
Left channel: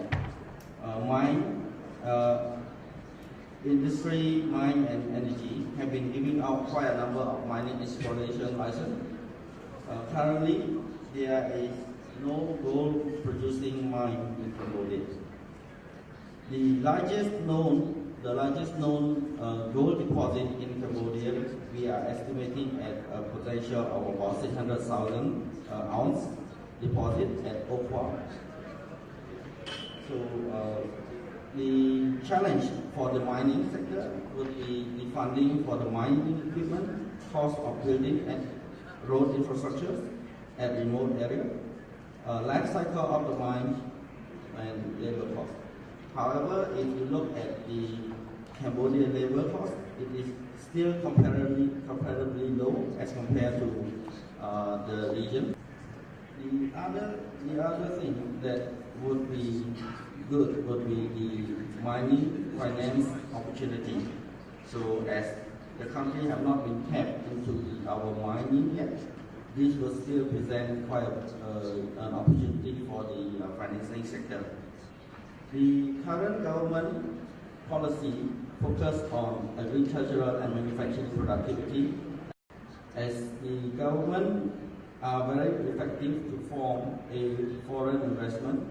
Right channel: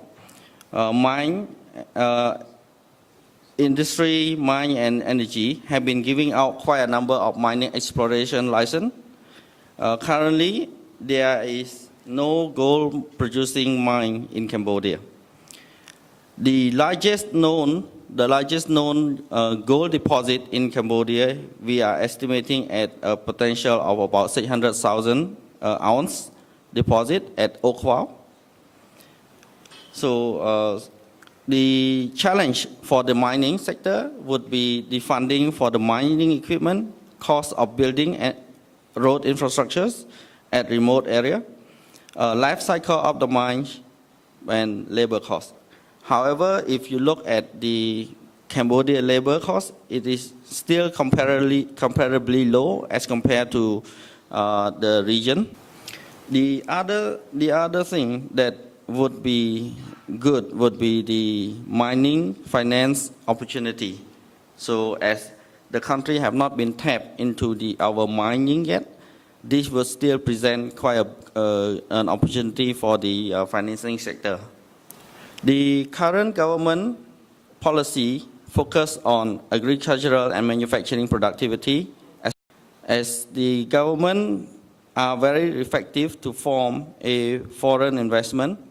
Industry, Mine and Energy have been giving out quite a number of mining exploration license. Currently, there is no gold producing mine in Cambodia. The largest known gold deposit in Cambodia, we are estimating at a potential of about 600,000 ounce deposit at Okwao. So the challenge for the mining sector would be the funding for the mining equipment, cost of building and road infrastructures at remote area, life cycle of the mines, and labor costs. However, if you look at the Cambodia labor cost, it is still comparably low as compared to the region. The other thing that would be good would be the mining finance opportunity. So as the country have not been tapped into our mining yet, this will still present quite an opportunity for the financing sector. The current government policy focus on agricultural and manufacturing productivity as the government are very effective to form a foreign investment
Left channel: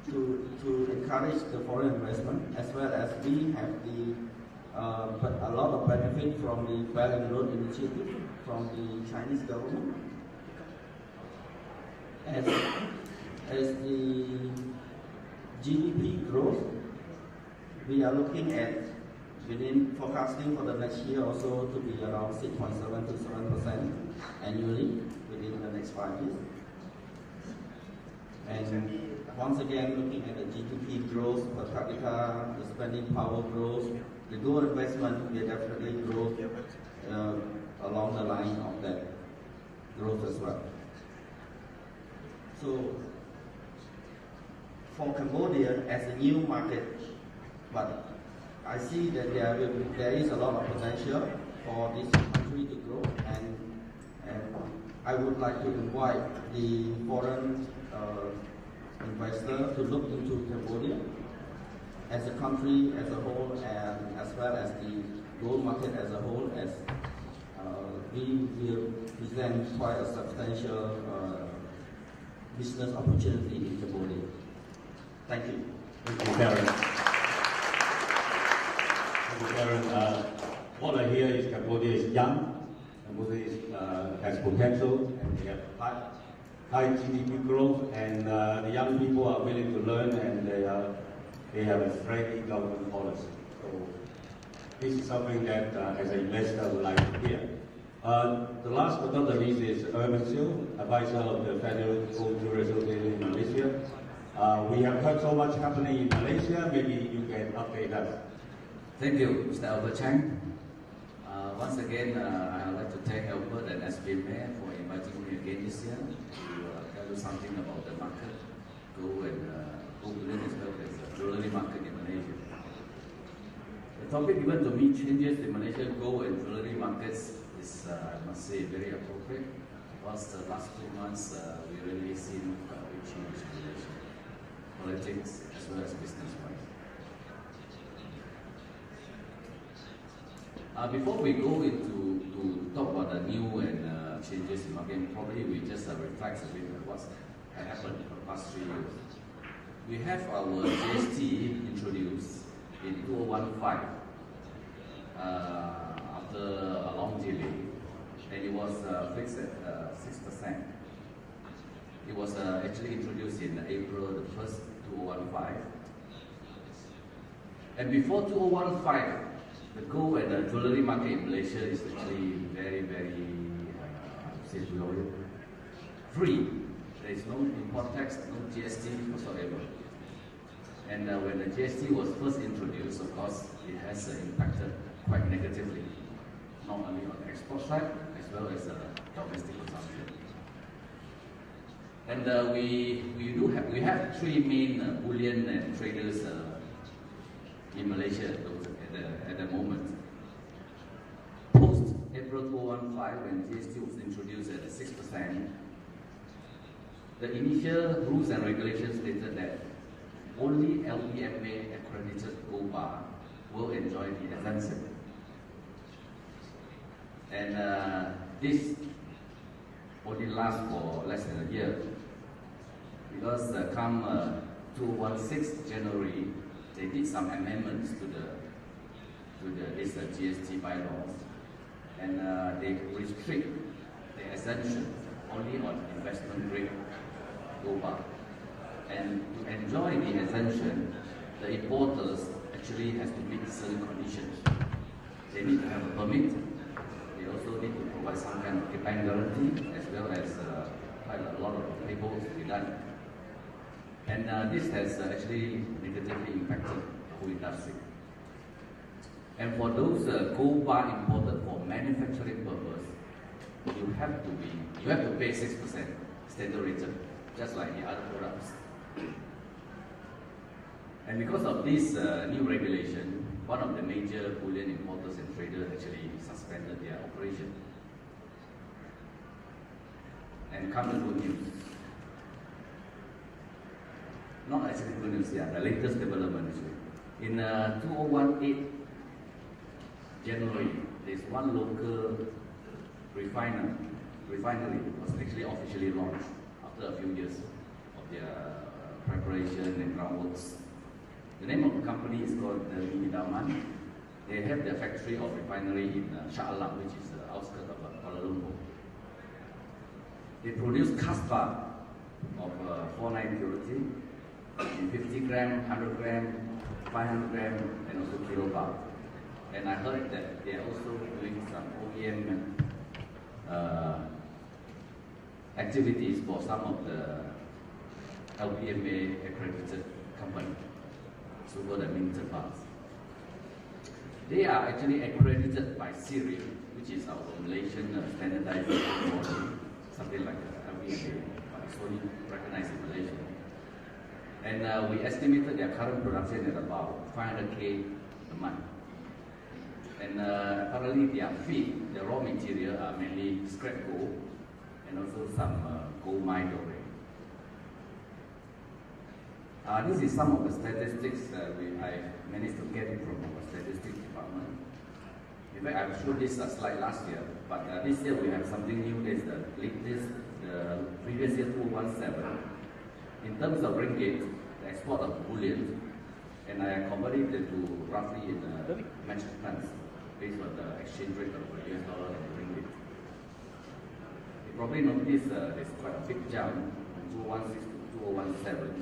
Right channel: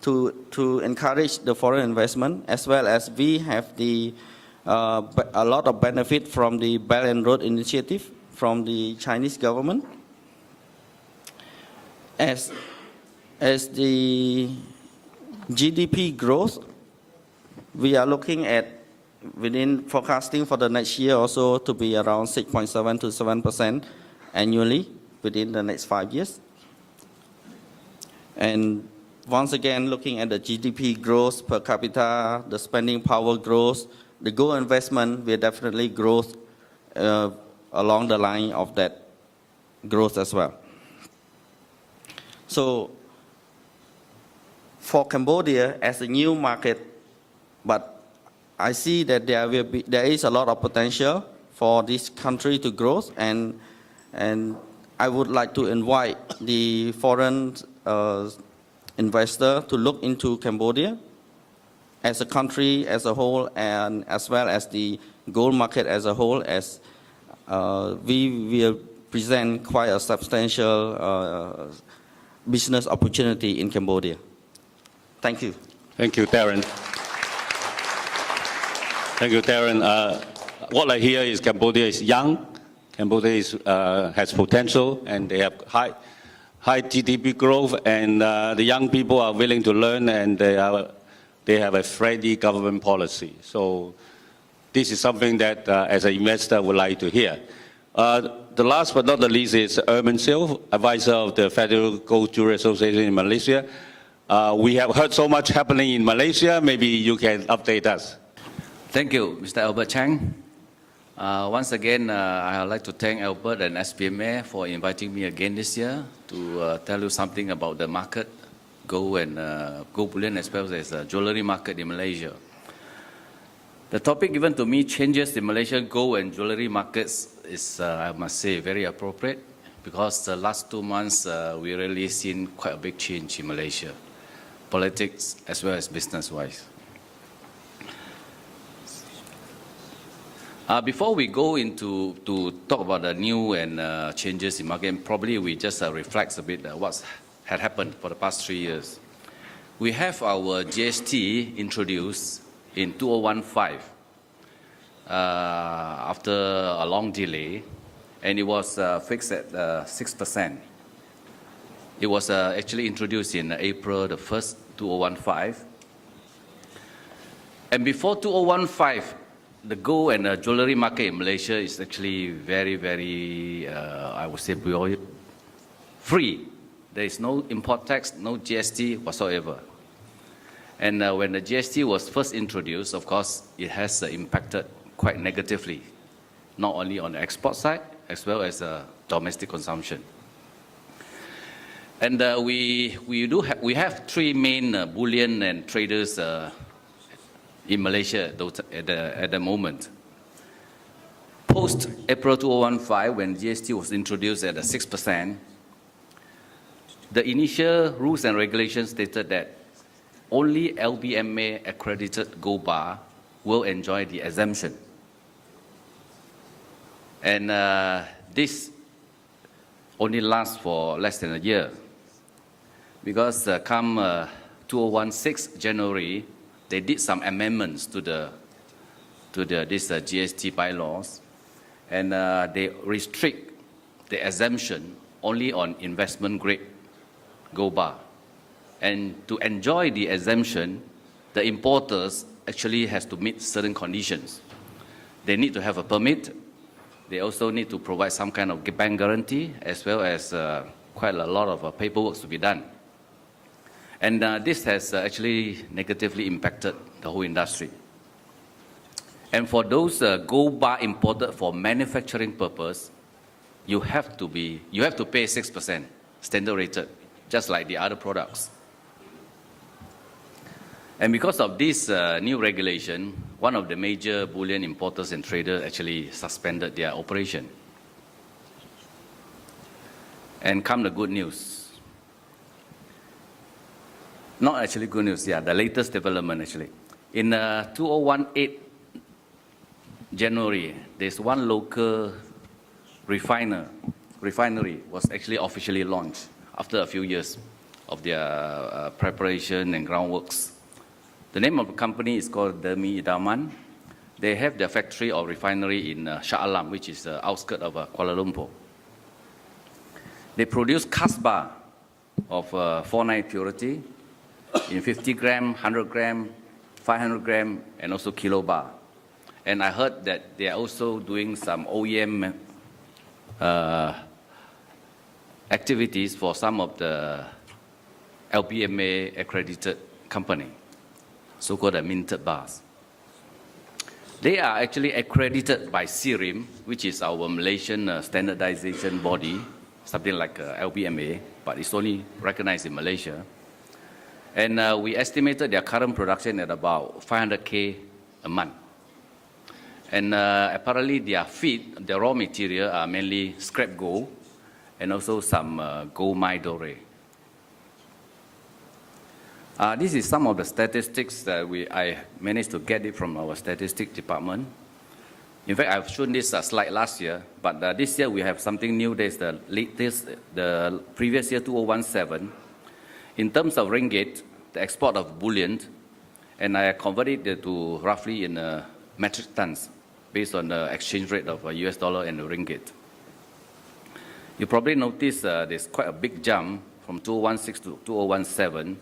to encourage the foreign investment, as well as we have a lot of benefit from the Belt and Road Initiative from the Chinese government. As the GDP growth, we are looking at forecasting for the next year also to be around 6.7 to 7% annually within the next 5 years. And once again, looking at the GDP growth per capita, the spending power growth, the gold investment will definitely grow along the line of that growth as well. So for Cambodia as a new market, but I see that there is a lot of potential for this country to grow, and I would like to invite the foreign investor to look into Cambodia as a country as a whole, and as well as the gold market as a whole, as we will present quite a substantial business opportunity in Cambodia. Thank you. Thank you, Darren. Thank you, Darren. What I hear is Cambodia is young. Cambodia has potential, and they have high GDP growth, and the young people are willing to learn, and they have a friendly government policy. So this is something that, as an investor, would like to hear. The last but not the least is Ermin, advisor of the Federal Gold Jewellery Association in Malaysia. We have heard so much happening in Malaysia. Maybe you can update us. Thank you, Mr. Albert Cheng. Once again, I would like to thank Albert and SBMA for inviting me again this year to tell you something about the market, gold and gold bullion, as well as the jewellery market in Malaysia. The topic given to me, changes in Malaysian gold and jewellery markets, is, I must say, very appropriate, because the last 2 months, we really seen quite a big change in Malaysia, politics as well as business-wise. Before we go into to talk about the new and changes in market, probably we just reflect a bit what had happened for the past 3 years. We have our GST introduced in 2015 after a long delay, and it was fixed at 6%. It was actually introduced in April the 1st, 2015. And before 2015, the gold and jewellery market in Malaysia is actually very, very, I would say, free. There is no import tax, no GST whatsoever. And when the GST was first introduced, of course, it has impacted quite negatively, not only on the export side, as well as domestic consumption. And we have three main bullion and traders in Malaysia at the moment. Post April 2015, when GST was introduced at 6%, the initial rules and regulations stated that only SBMA accredited gold bar will enjoy the exemption. And this only lasts for less than a year, because come 2016 January, they did some amendments to this GST bylaws, and they restrict the exemption only on investment grade gold bar. And to enjoy the exemption, the importers actually has to meet certain conditions. They need to have a permit. They also need to provide some kind of bank guarantee, as well as quite a lot of paperwork to be done. And this has actually negatively impacted the whole industry. And for those gold bar imported for manufacturing purpose, you have to pay 6% standard rated, just like the other products. And because of this new regulation, one of the major bullion importers and traders actually suspended their operation. And come the good news. Not actually good news, yeah, the latest development actually. In 2018 January, there's one local refinery was actually officially launched after a few years of their preparation and groundworks. The name of the company is called Darren. They have their factory or refinery in Shah Alam, which is the outskirts of Kuala Lumpur. They produce cast bar of 4-9 purity in 50 gram, 100 gram, 500 gram, and also kilo bar. And I heard that they are also doing some OEM activities for some of the APPMC accredited company, so-called minted bars. They are actually accredited by SIRIM, which is our Malaysian standardization body, something like APPMC, but it's only recognized in Malaysia. And we estimated their current production at about 500K a month. And apparently their feed, the raw material, are mainly scrap gold and also some gold mine doré. This is some of the statistics that I managed to get it from our statistics department. In fact, I've shown this slide last year, but this year we have something new. There's the latest, the previous year, 2017. In terms of ringgit, the export of bullion, and I converted it to roughly in metric tons, based on the exchange rate of US dollar and the ringgit. You probably notice there's quite a big jump from 2016 to 2017.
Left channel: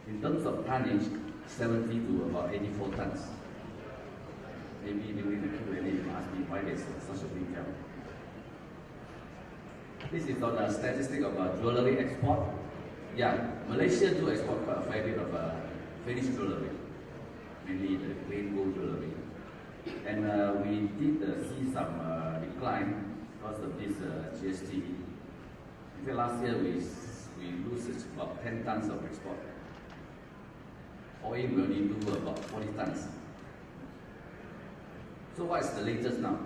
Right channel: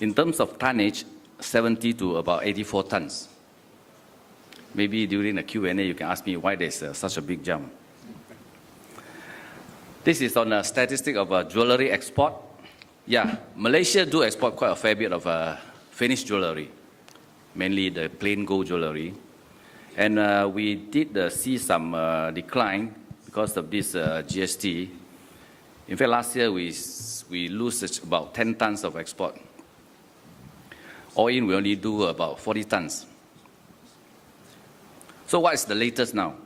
In terms of tonnage, 70 to about 84 tons. Maybe during the Q&A you can ask me why there's such a big jump. This is on a statistic of jewellery export. Yeah, Malaysia do export quite a fair bit of finished jewellery, mainly the plain gold jewellery. And we did see some decline because of this GST. In fact, last year we lose about 10 tons of export. All in, we only do about 40 tons. So what is the latest now?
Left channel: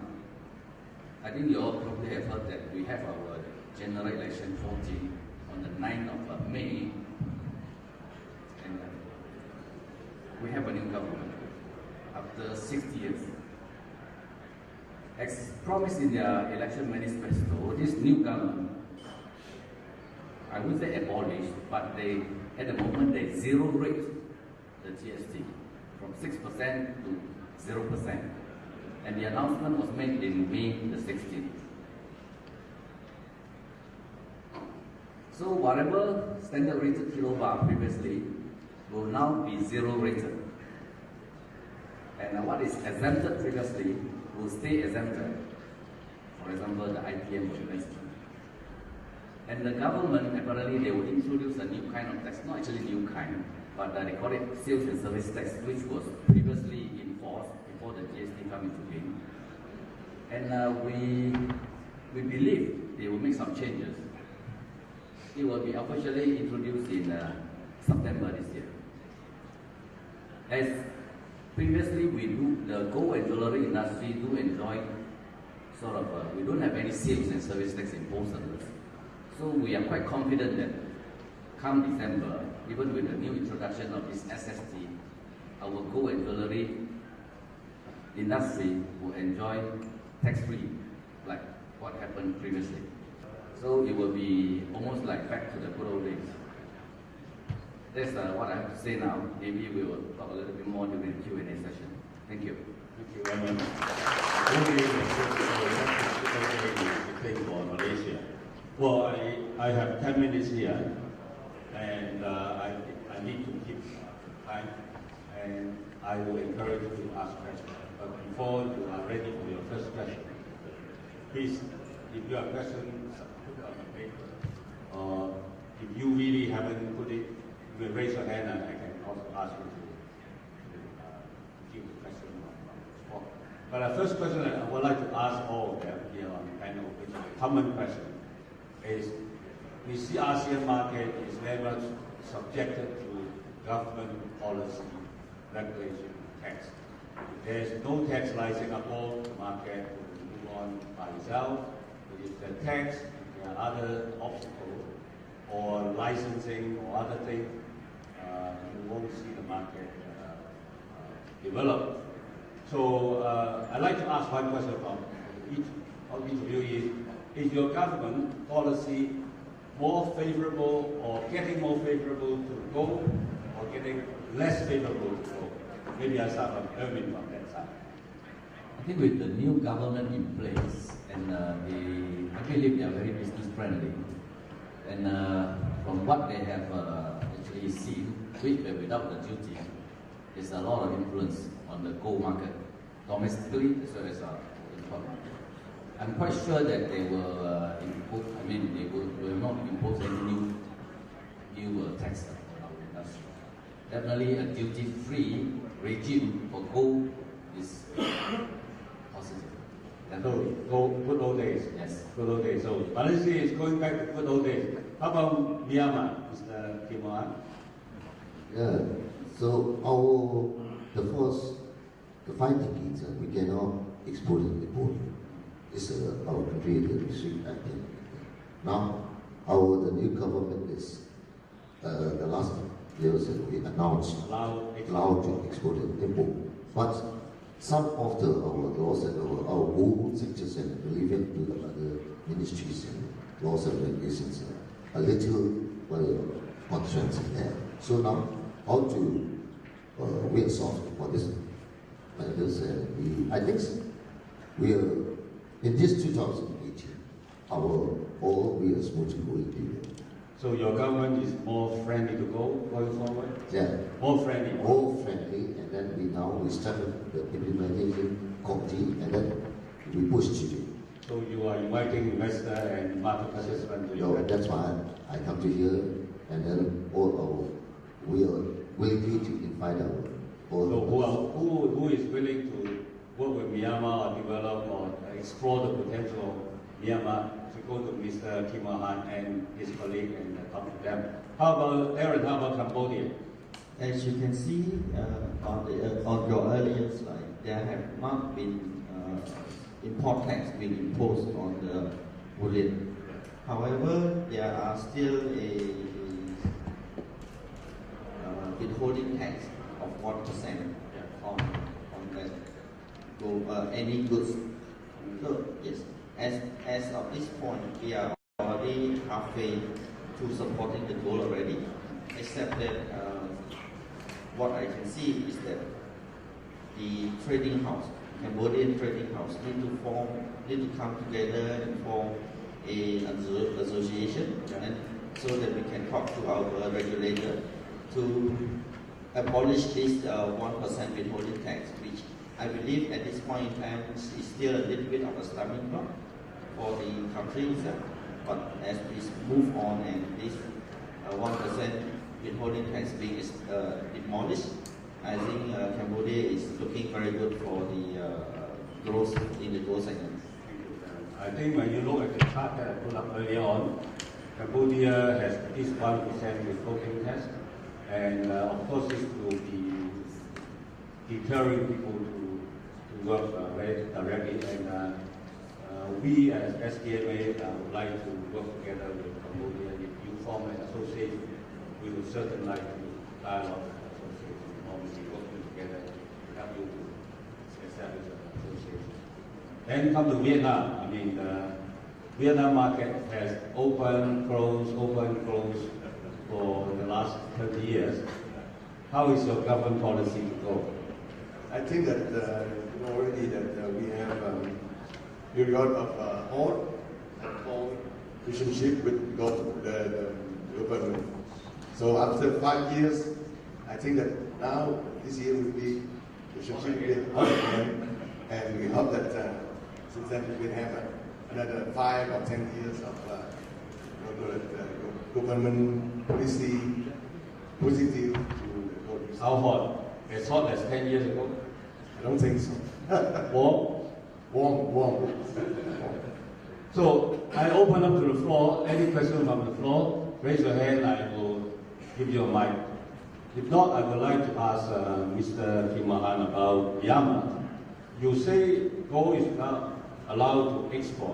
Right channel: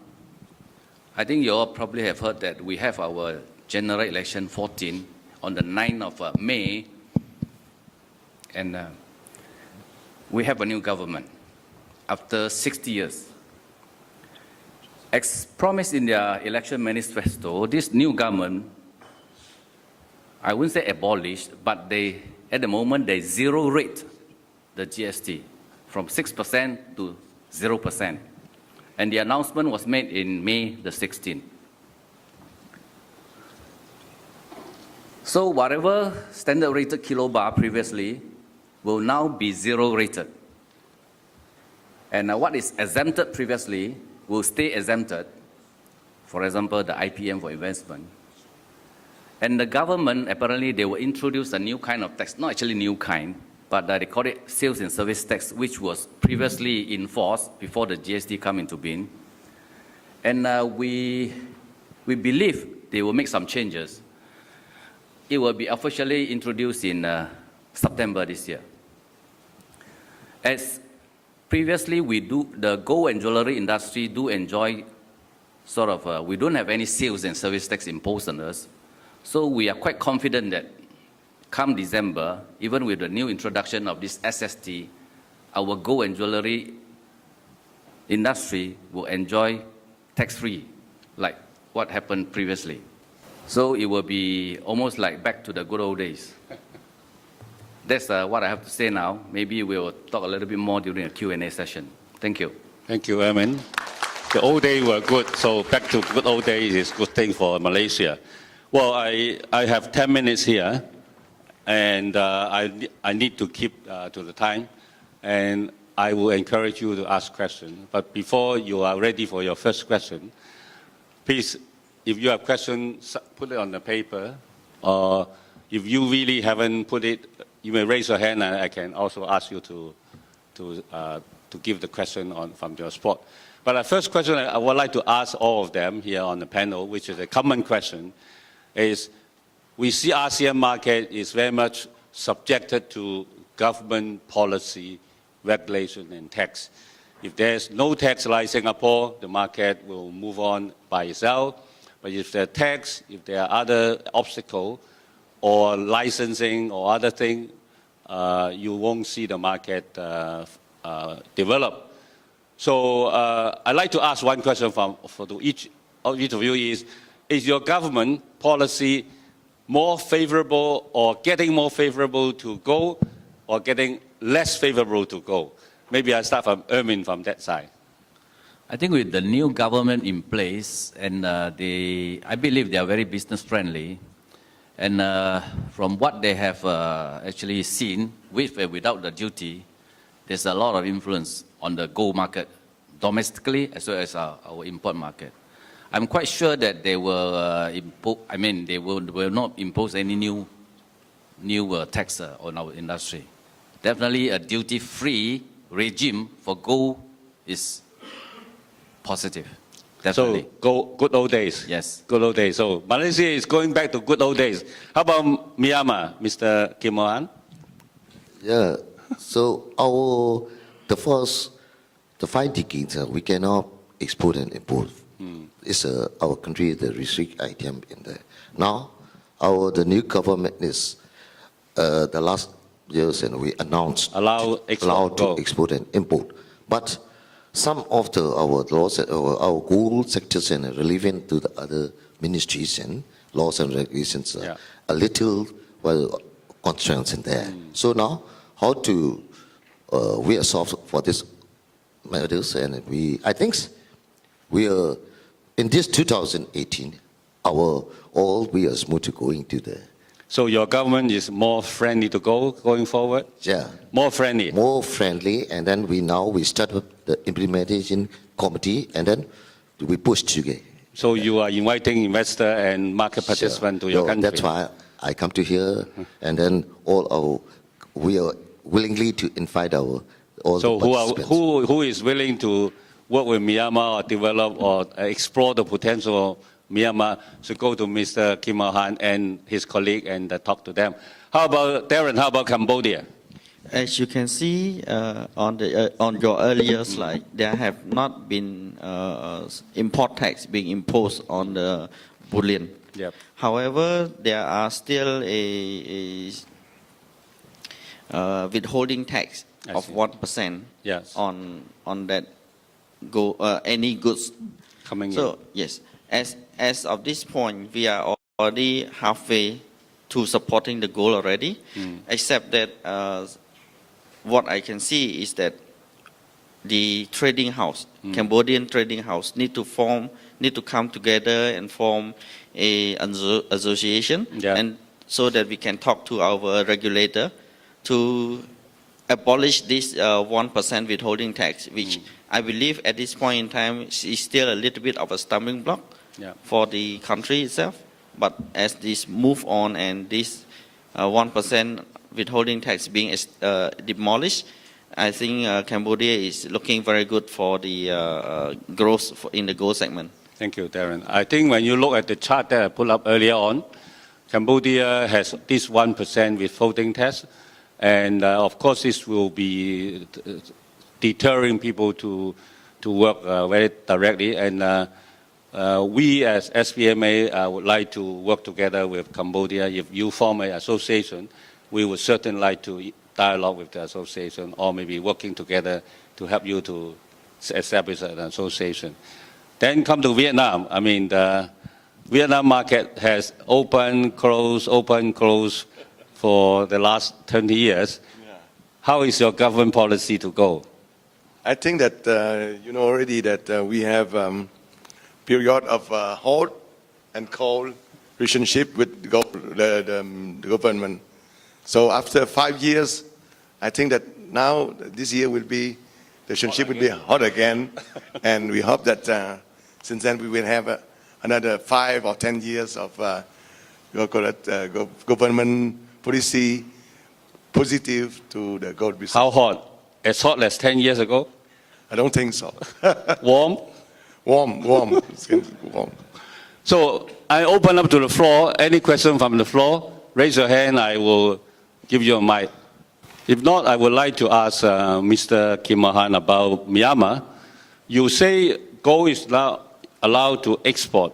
I think you all probably have heard that we have our general election 14 on the 9th of May, and we have a new government after 60 years. As promised in their election manifesto, this new government, I wouldn't say abolished, but at the moment, they zero rate the GST from 6% to 0%. And the announcement was made in May the 16th. So whatever standard rated kilo bar previously will now be zero rated. And what is exempted previously will stay exempted. For example, the IPM for investment. And the government, apparently, they will introduce a new kind of tax, not actually new kind, but they call it sales and service tax, which was previously in force before the GST come into being. And we believe they will make some changes. It will be officially introduced in September this year. As previously the gold and jewellery industry do enjoy sort of, we don't have any sales and service tax imposed on us. So we are quite confident that come December, even with the new introduction of this SST, our gold and jewellery industry will enjoy tax-free, like what happened previously. So it will be almost like back to the good old days. That's what I have to say now. Maybe we'll talk a little bit more during the Q&A session. Thank you. Thank you, Ermin. The old days were good, so back to good old days is a good thing for Malaysia. Well, I have 10 minutes here, and I need to keep to the time, and I will encourage you to ask questions. But before you are ready for your first question, please, if you have questions, put it on the paper, or if you really haven't put it, you may raise your hand, and I can also ask you to give the question from your spot. But the first question I would like to ask all of them here on the panel, which is a common question, is we see ASEAN market is very much subjected to government policy, regulation, and tax. If there's no tax like Singapore, the market will move on by itself. But if there are tax, if there are other obstacles, or licensing or other things, you won't see the market develop. So I'd like to ask one question to each of you is your government policy more favorable or getting more favorable to go or getting less favorable to go? Maybe I'll start from Ermin from that side. I think with the new government in place, and I believe they are very business friendly. And from what they have actually seen, with and without the duty, there's a lot of influence on the gold market, domestically as well as our import market. I'm quite sure that they will they will not impose any new tax on our industry. Definitely a duty-free regime for gold is positive. Definitely. So, good old days. Yes. Good old days. So, Malaysia is going back to good old days. How about Myanmar, Mr. Kim Mohan? Yeah, so the 5 decades, we cannot export and import. It's our country, the restrict item in there. Now, the new government is, the last years, and we announced allowed to export and import. But some of our laws, our gold sectors and relevant to the other ministries and laws and regulations, a little constraints in there. So now, how to we are solved for this matters, and I think we are in this 2018. We are smooth to going to the. So your government is more friendly to going forward? Yeah. More friendly? More friendly, and then we start with the implementation committee, and then we push together. So you are inviting investor and market participants to your country? That's why I come to here, and then we are willingly to invite all so participants. who is willing to work with Myanmar or develop or explore the potential of Myanmar to go to Mr. Kim Mohan and his colleague and talk to them? How about Darren? How about Cambodia? As you can see on your earlier slide, there have not been import tax being imposed on the bullion. Yep. However, there are still withholding tax of 1% Yes. on that any goods Coming so in. yes, as of this point, we are already halfway to supporting the goal already, except that what I can see is that the trading house, Cambodian trading house, need to come together and form an association, and so that we can talk to our regulator to abolish this 1% withholding tax, which I believe at this point in time is still a little bit of a stumbling block for the country itself. But as this move on and this 1% withholding tax being demolished, I think Cambodia is looking very good for the growth in the gold segment. Thank you, Darren. I think when you look at the chart that I put up earlier on, Cambodia has this 1% withholding tax, and of course this will be deterring people to work very directly. And we as SBMA would like to work together with Cambodia. If you form an association, we would certainly like to dialogue with the association, or maybe working together to help you to establish an association. Then come to Vietnam. I mean, the Vietnam market has open, close for the last 20 years. How is your government policy to go? I think that you know already that we have period of hot and cold relationship with the government. So after 5 years, I think that now this year will be the relationship will be hot again, and we hope that since then we will have another 5 or 10 years of government policy positive to the gold business. How hot? As hot as 10 years ago? I don't think so. Warm? Warm. So I open up to the floor. Any question from the floor? Raise your hand, I will give you a mic. If not, I would like to ask Mr. Kim Mahan about Myanmar. You say gold is now allowed to export.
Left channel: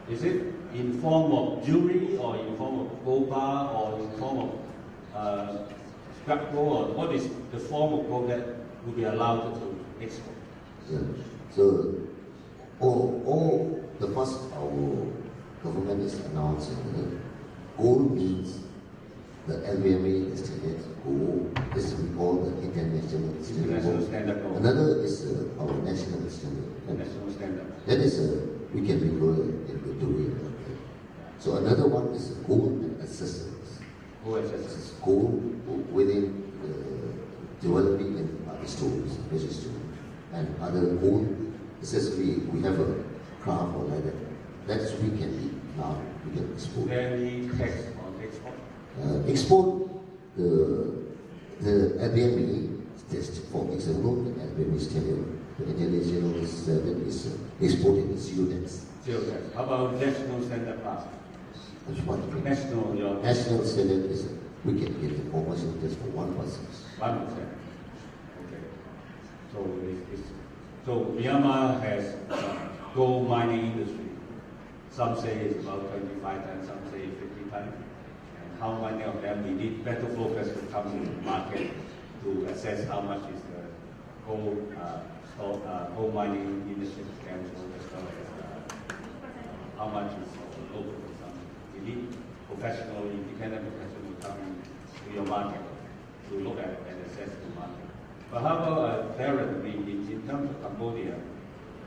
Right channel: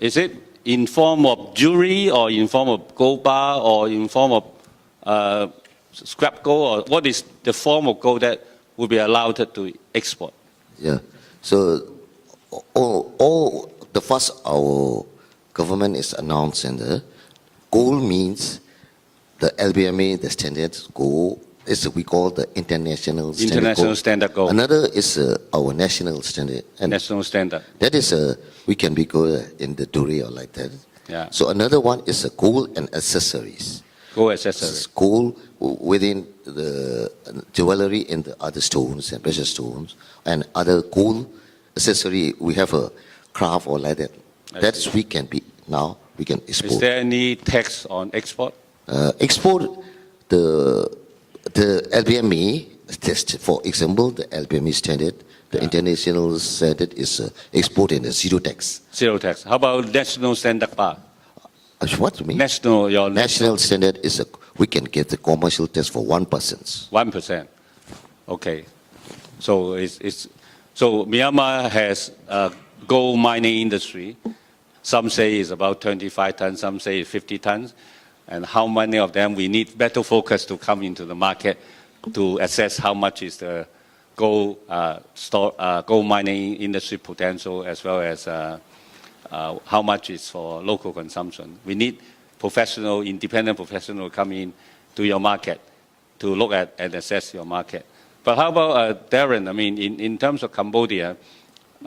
Is it in form of jewelry, or in form of gold bar, or in form of scrap gold, or what is the form of gold that will be allowed to export? Yeah. So all the first our government is announcing the gold means the LBMA, the standard gold, is we call the international standard International gold. standard gold. Another is our national standard. And National standard. that is we can be good in the jewelry or like that. Yeah. So another one is gold and accessories. Gold accessories. It's gold within the jewelry in the other stones and precious stones, and other gold accessory. We have a craft or like that. That's we can be now we can export. Is there any tax on export? Export the LBMA test. For example, the LBMA standard, the international standard is exported at zero tax. Zero tax. How about national standard bar? What do you mean? National standard is we can get the commercial tax for 1%. 1%. Okay. So so Myanmar has a gold mining industry. Some say it's about 25 tons, some say it's 50 tons. And how many of them we need better focus to come into the market to assess how much is the gold mining industry potential, as well as how much is for local consumption. We need independent professional come in to your market to look at and assess your market. But how about Darren? I mean, in terms of Cambodia,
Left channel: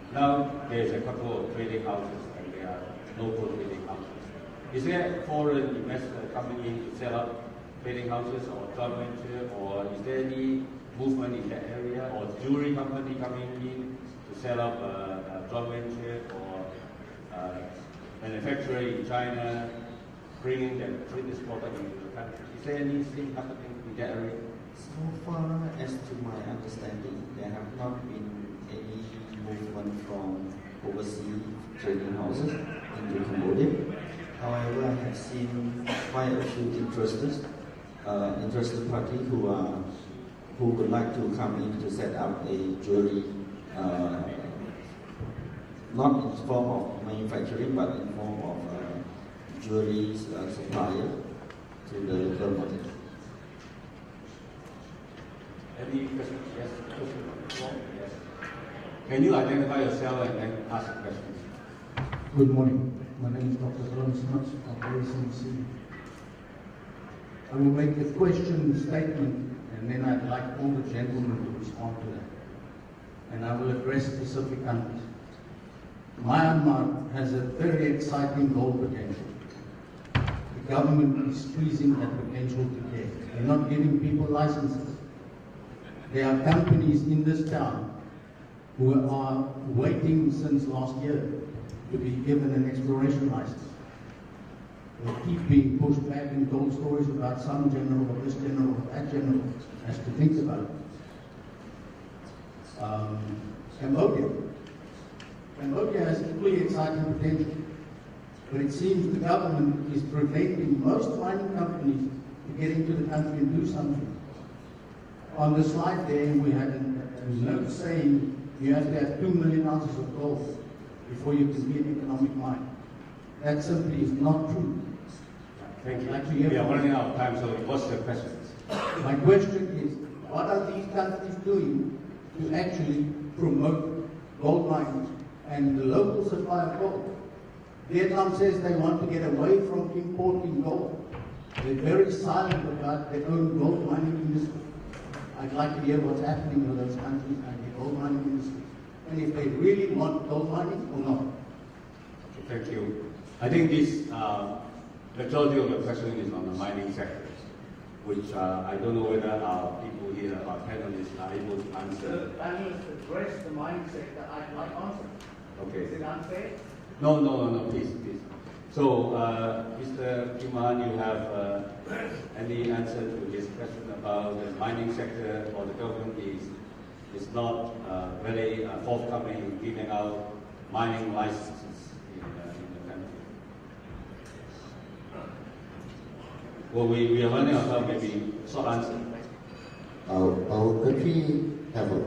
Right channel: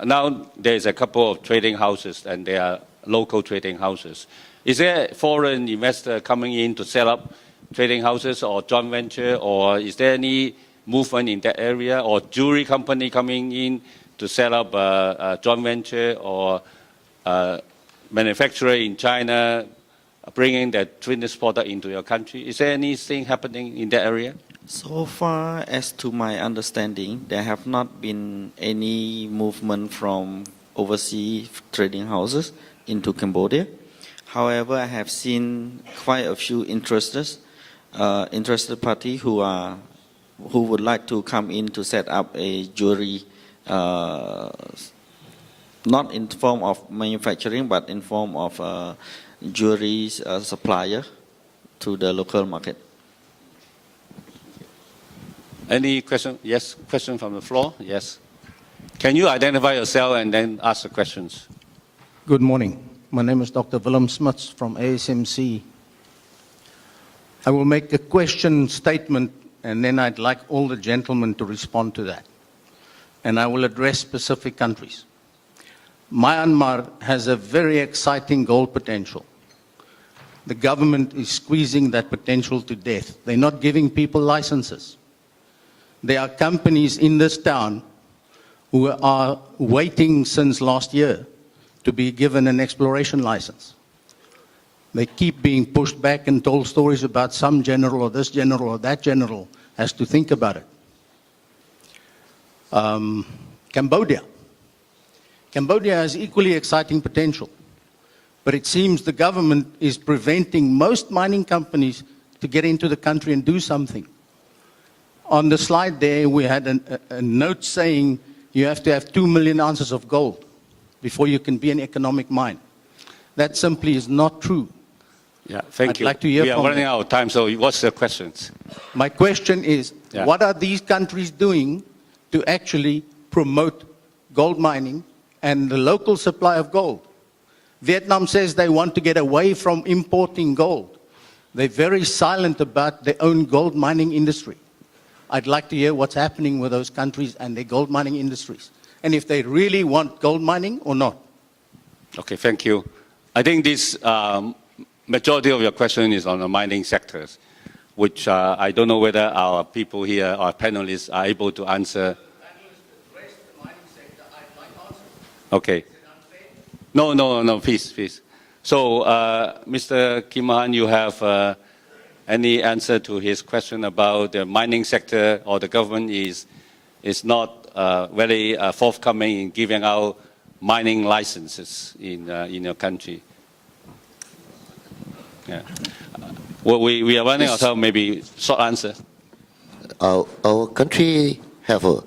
now there's a couple of trading houses, and they are local trading houses. Is there foreign investor coming in to set up trading houses or joint venture, or is there any movement in that area, or jewelry company coming in to set up a joint venture, or manufacturer in China bringing that finished product into your country? Is there anything happening in that area? So far, as to my understanding, there have not been any movement from overseas trading houses into Cambodia. However, I have seen quite a few interested parties who would like to come in to set up a jewelry, not in form of manufacturing, but in form of jewelry supplier to the local market. Any question? Yes, question from the floor? Yes. Can you identify yourself and then ask the questions? Good morning. My name is Dr. Willem Smits from ASMC. I will make a question statement, and then I'd like all the gentlemen to respond to that. And I will address specific countries. Myanmar has a very exciting gold potential. The government is squeezing that potential to death. They're not giving people licenses. There are companies in this town who are waiting since last year to be given an exploration license. They keep being pushed back and told stories about some general or this general or that general has to think about it. Cambodia. Cambodia has equally exciting potential, but it seems the government is preventing most mining companies to get into the country and do something. On the slide there, we had a note saying you have to have 2 million ounces of gold before you can be an economic mine. That simply is not true. Yeah, thank I'd you. like to hear we are from running you. out of time, so what's the questions? My question is, Yeah. what are these countries doing to actually promote gold mining and the local supply of gold? Vietnam says they want to get away from importing gold. They're very silent about their own gold mining industry. I'd like to hear what's happening with those countries and their gold mining industries, and if they really want gold mining or not. Okay, thank you. I think this majority of your question is on the mining sectors, which I don't know whether our people here, our panelists, are able to answer. Okay. No, please. So, Mr. Kim Han, you have any answer to his question about the mining sector, or the government is not very forthcoming in giving out mining licenses in your country? Yeah. Well, we are running out of time, maybe short answer. Our country have a,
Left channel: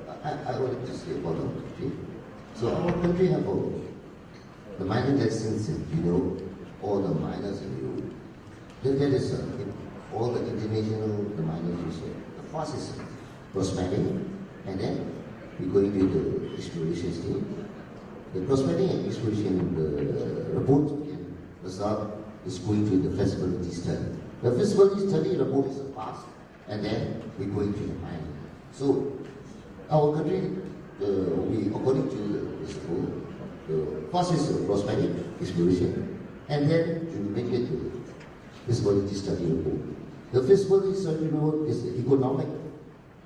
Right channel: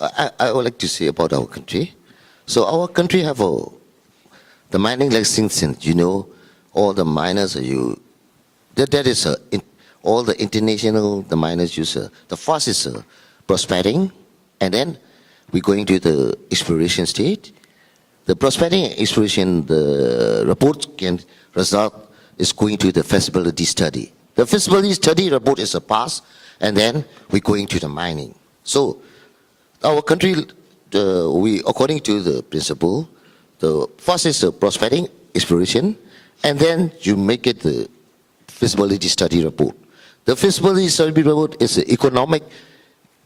I would like to say about our country. So our country have the mining license, you know, all the miners that is all the international, the miners use, the first is prospecting, and then we're going to the exploration stage. The prospecting and exploration, the report can result is going to the feasibility study. The feasibility study report is a pass, and then we're going to the mining. So our country, we according to the principle, the first is the prospecting, exploration, and then you make it the feasibility study report. The feasibility study report is economic,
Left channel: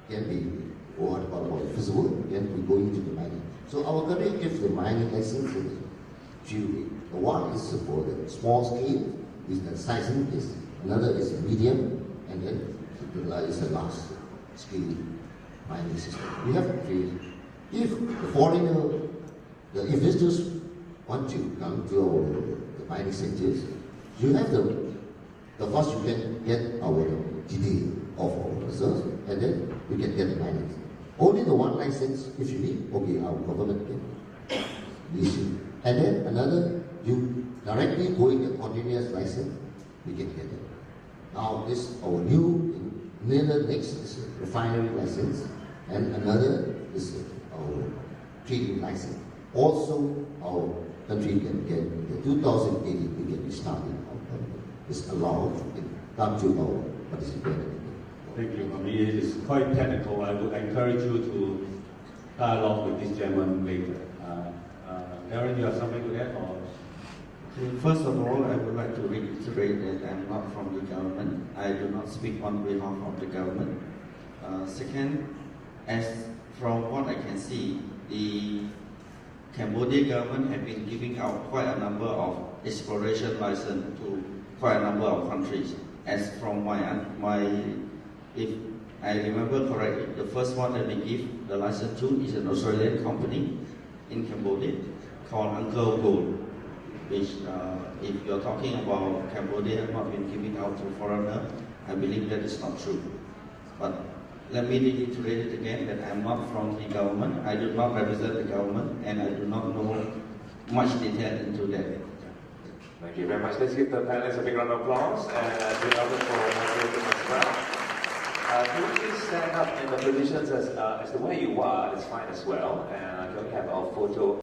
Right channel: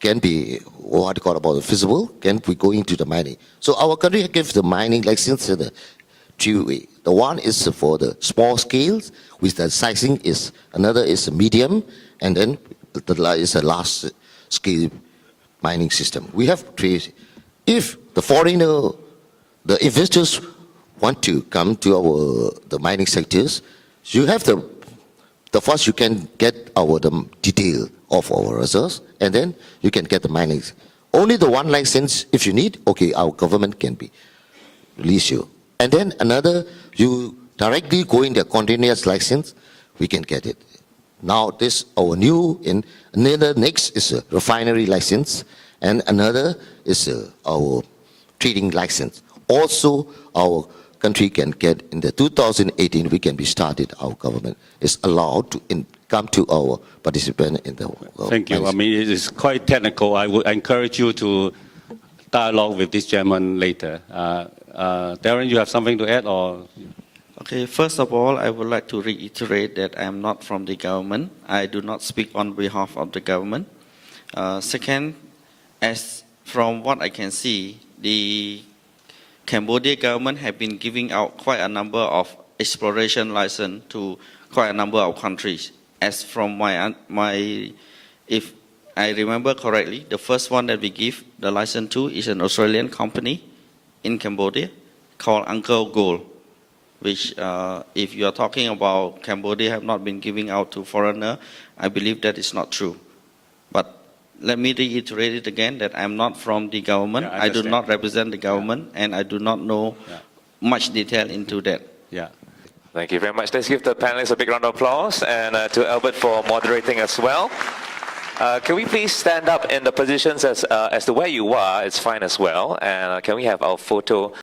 can be what you call about feasible, can we go into the mining. So our country gives the mining license in the two ways. The one is for the small scales, with the sizing is, another is medium, and then the is a large scale mining system. We have trade. If the foreigner, the investors want to come to the mining sectors, you have the first you can get the detail of our reserves, and then you can get the mining. Only the one license, if you need, okay, our government can be release you. And then another, you directly go in the continuous license, we can get it. Now this our new, another next is a refinery license, and another is our trading license. Also, our country can get, in the 2018, we can be started, our government is allowed to come to our participant in the Thank you. I mean, it is quite technical. I would encourage you to dialogue with this gentleman later. Darren, you have something to add, or? Okay, first of all, I would like to reiterate that I am not from the government. I do not speak on behalf of the government. Second, as from what I can see, the Cambodian government have been giving out quite a number of exploration license to quite a number of countries. As from if I remember correctly, the first one that we give the license to is an Australian company in Cambodia called Uncle Gold, which if you are talking about Cambodia have not been giving out to foreigner, I believe that is not true. But let me reiterate it again that I'm not from the government. Yeah, I do not represent the government, and I do not know much detail into that. Yeah. Thank you very much. Let's give the panelists a big round of applause, and to Albert for moderating as well. Can we please stand up in the positions as to where you are? It's fine as well. And can we have our photo?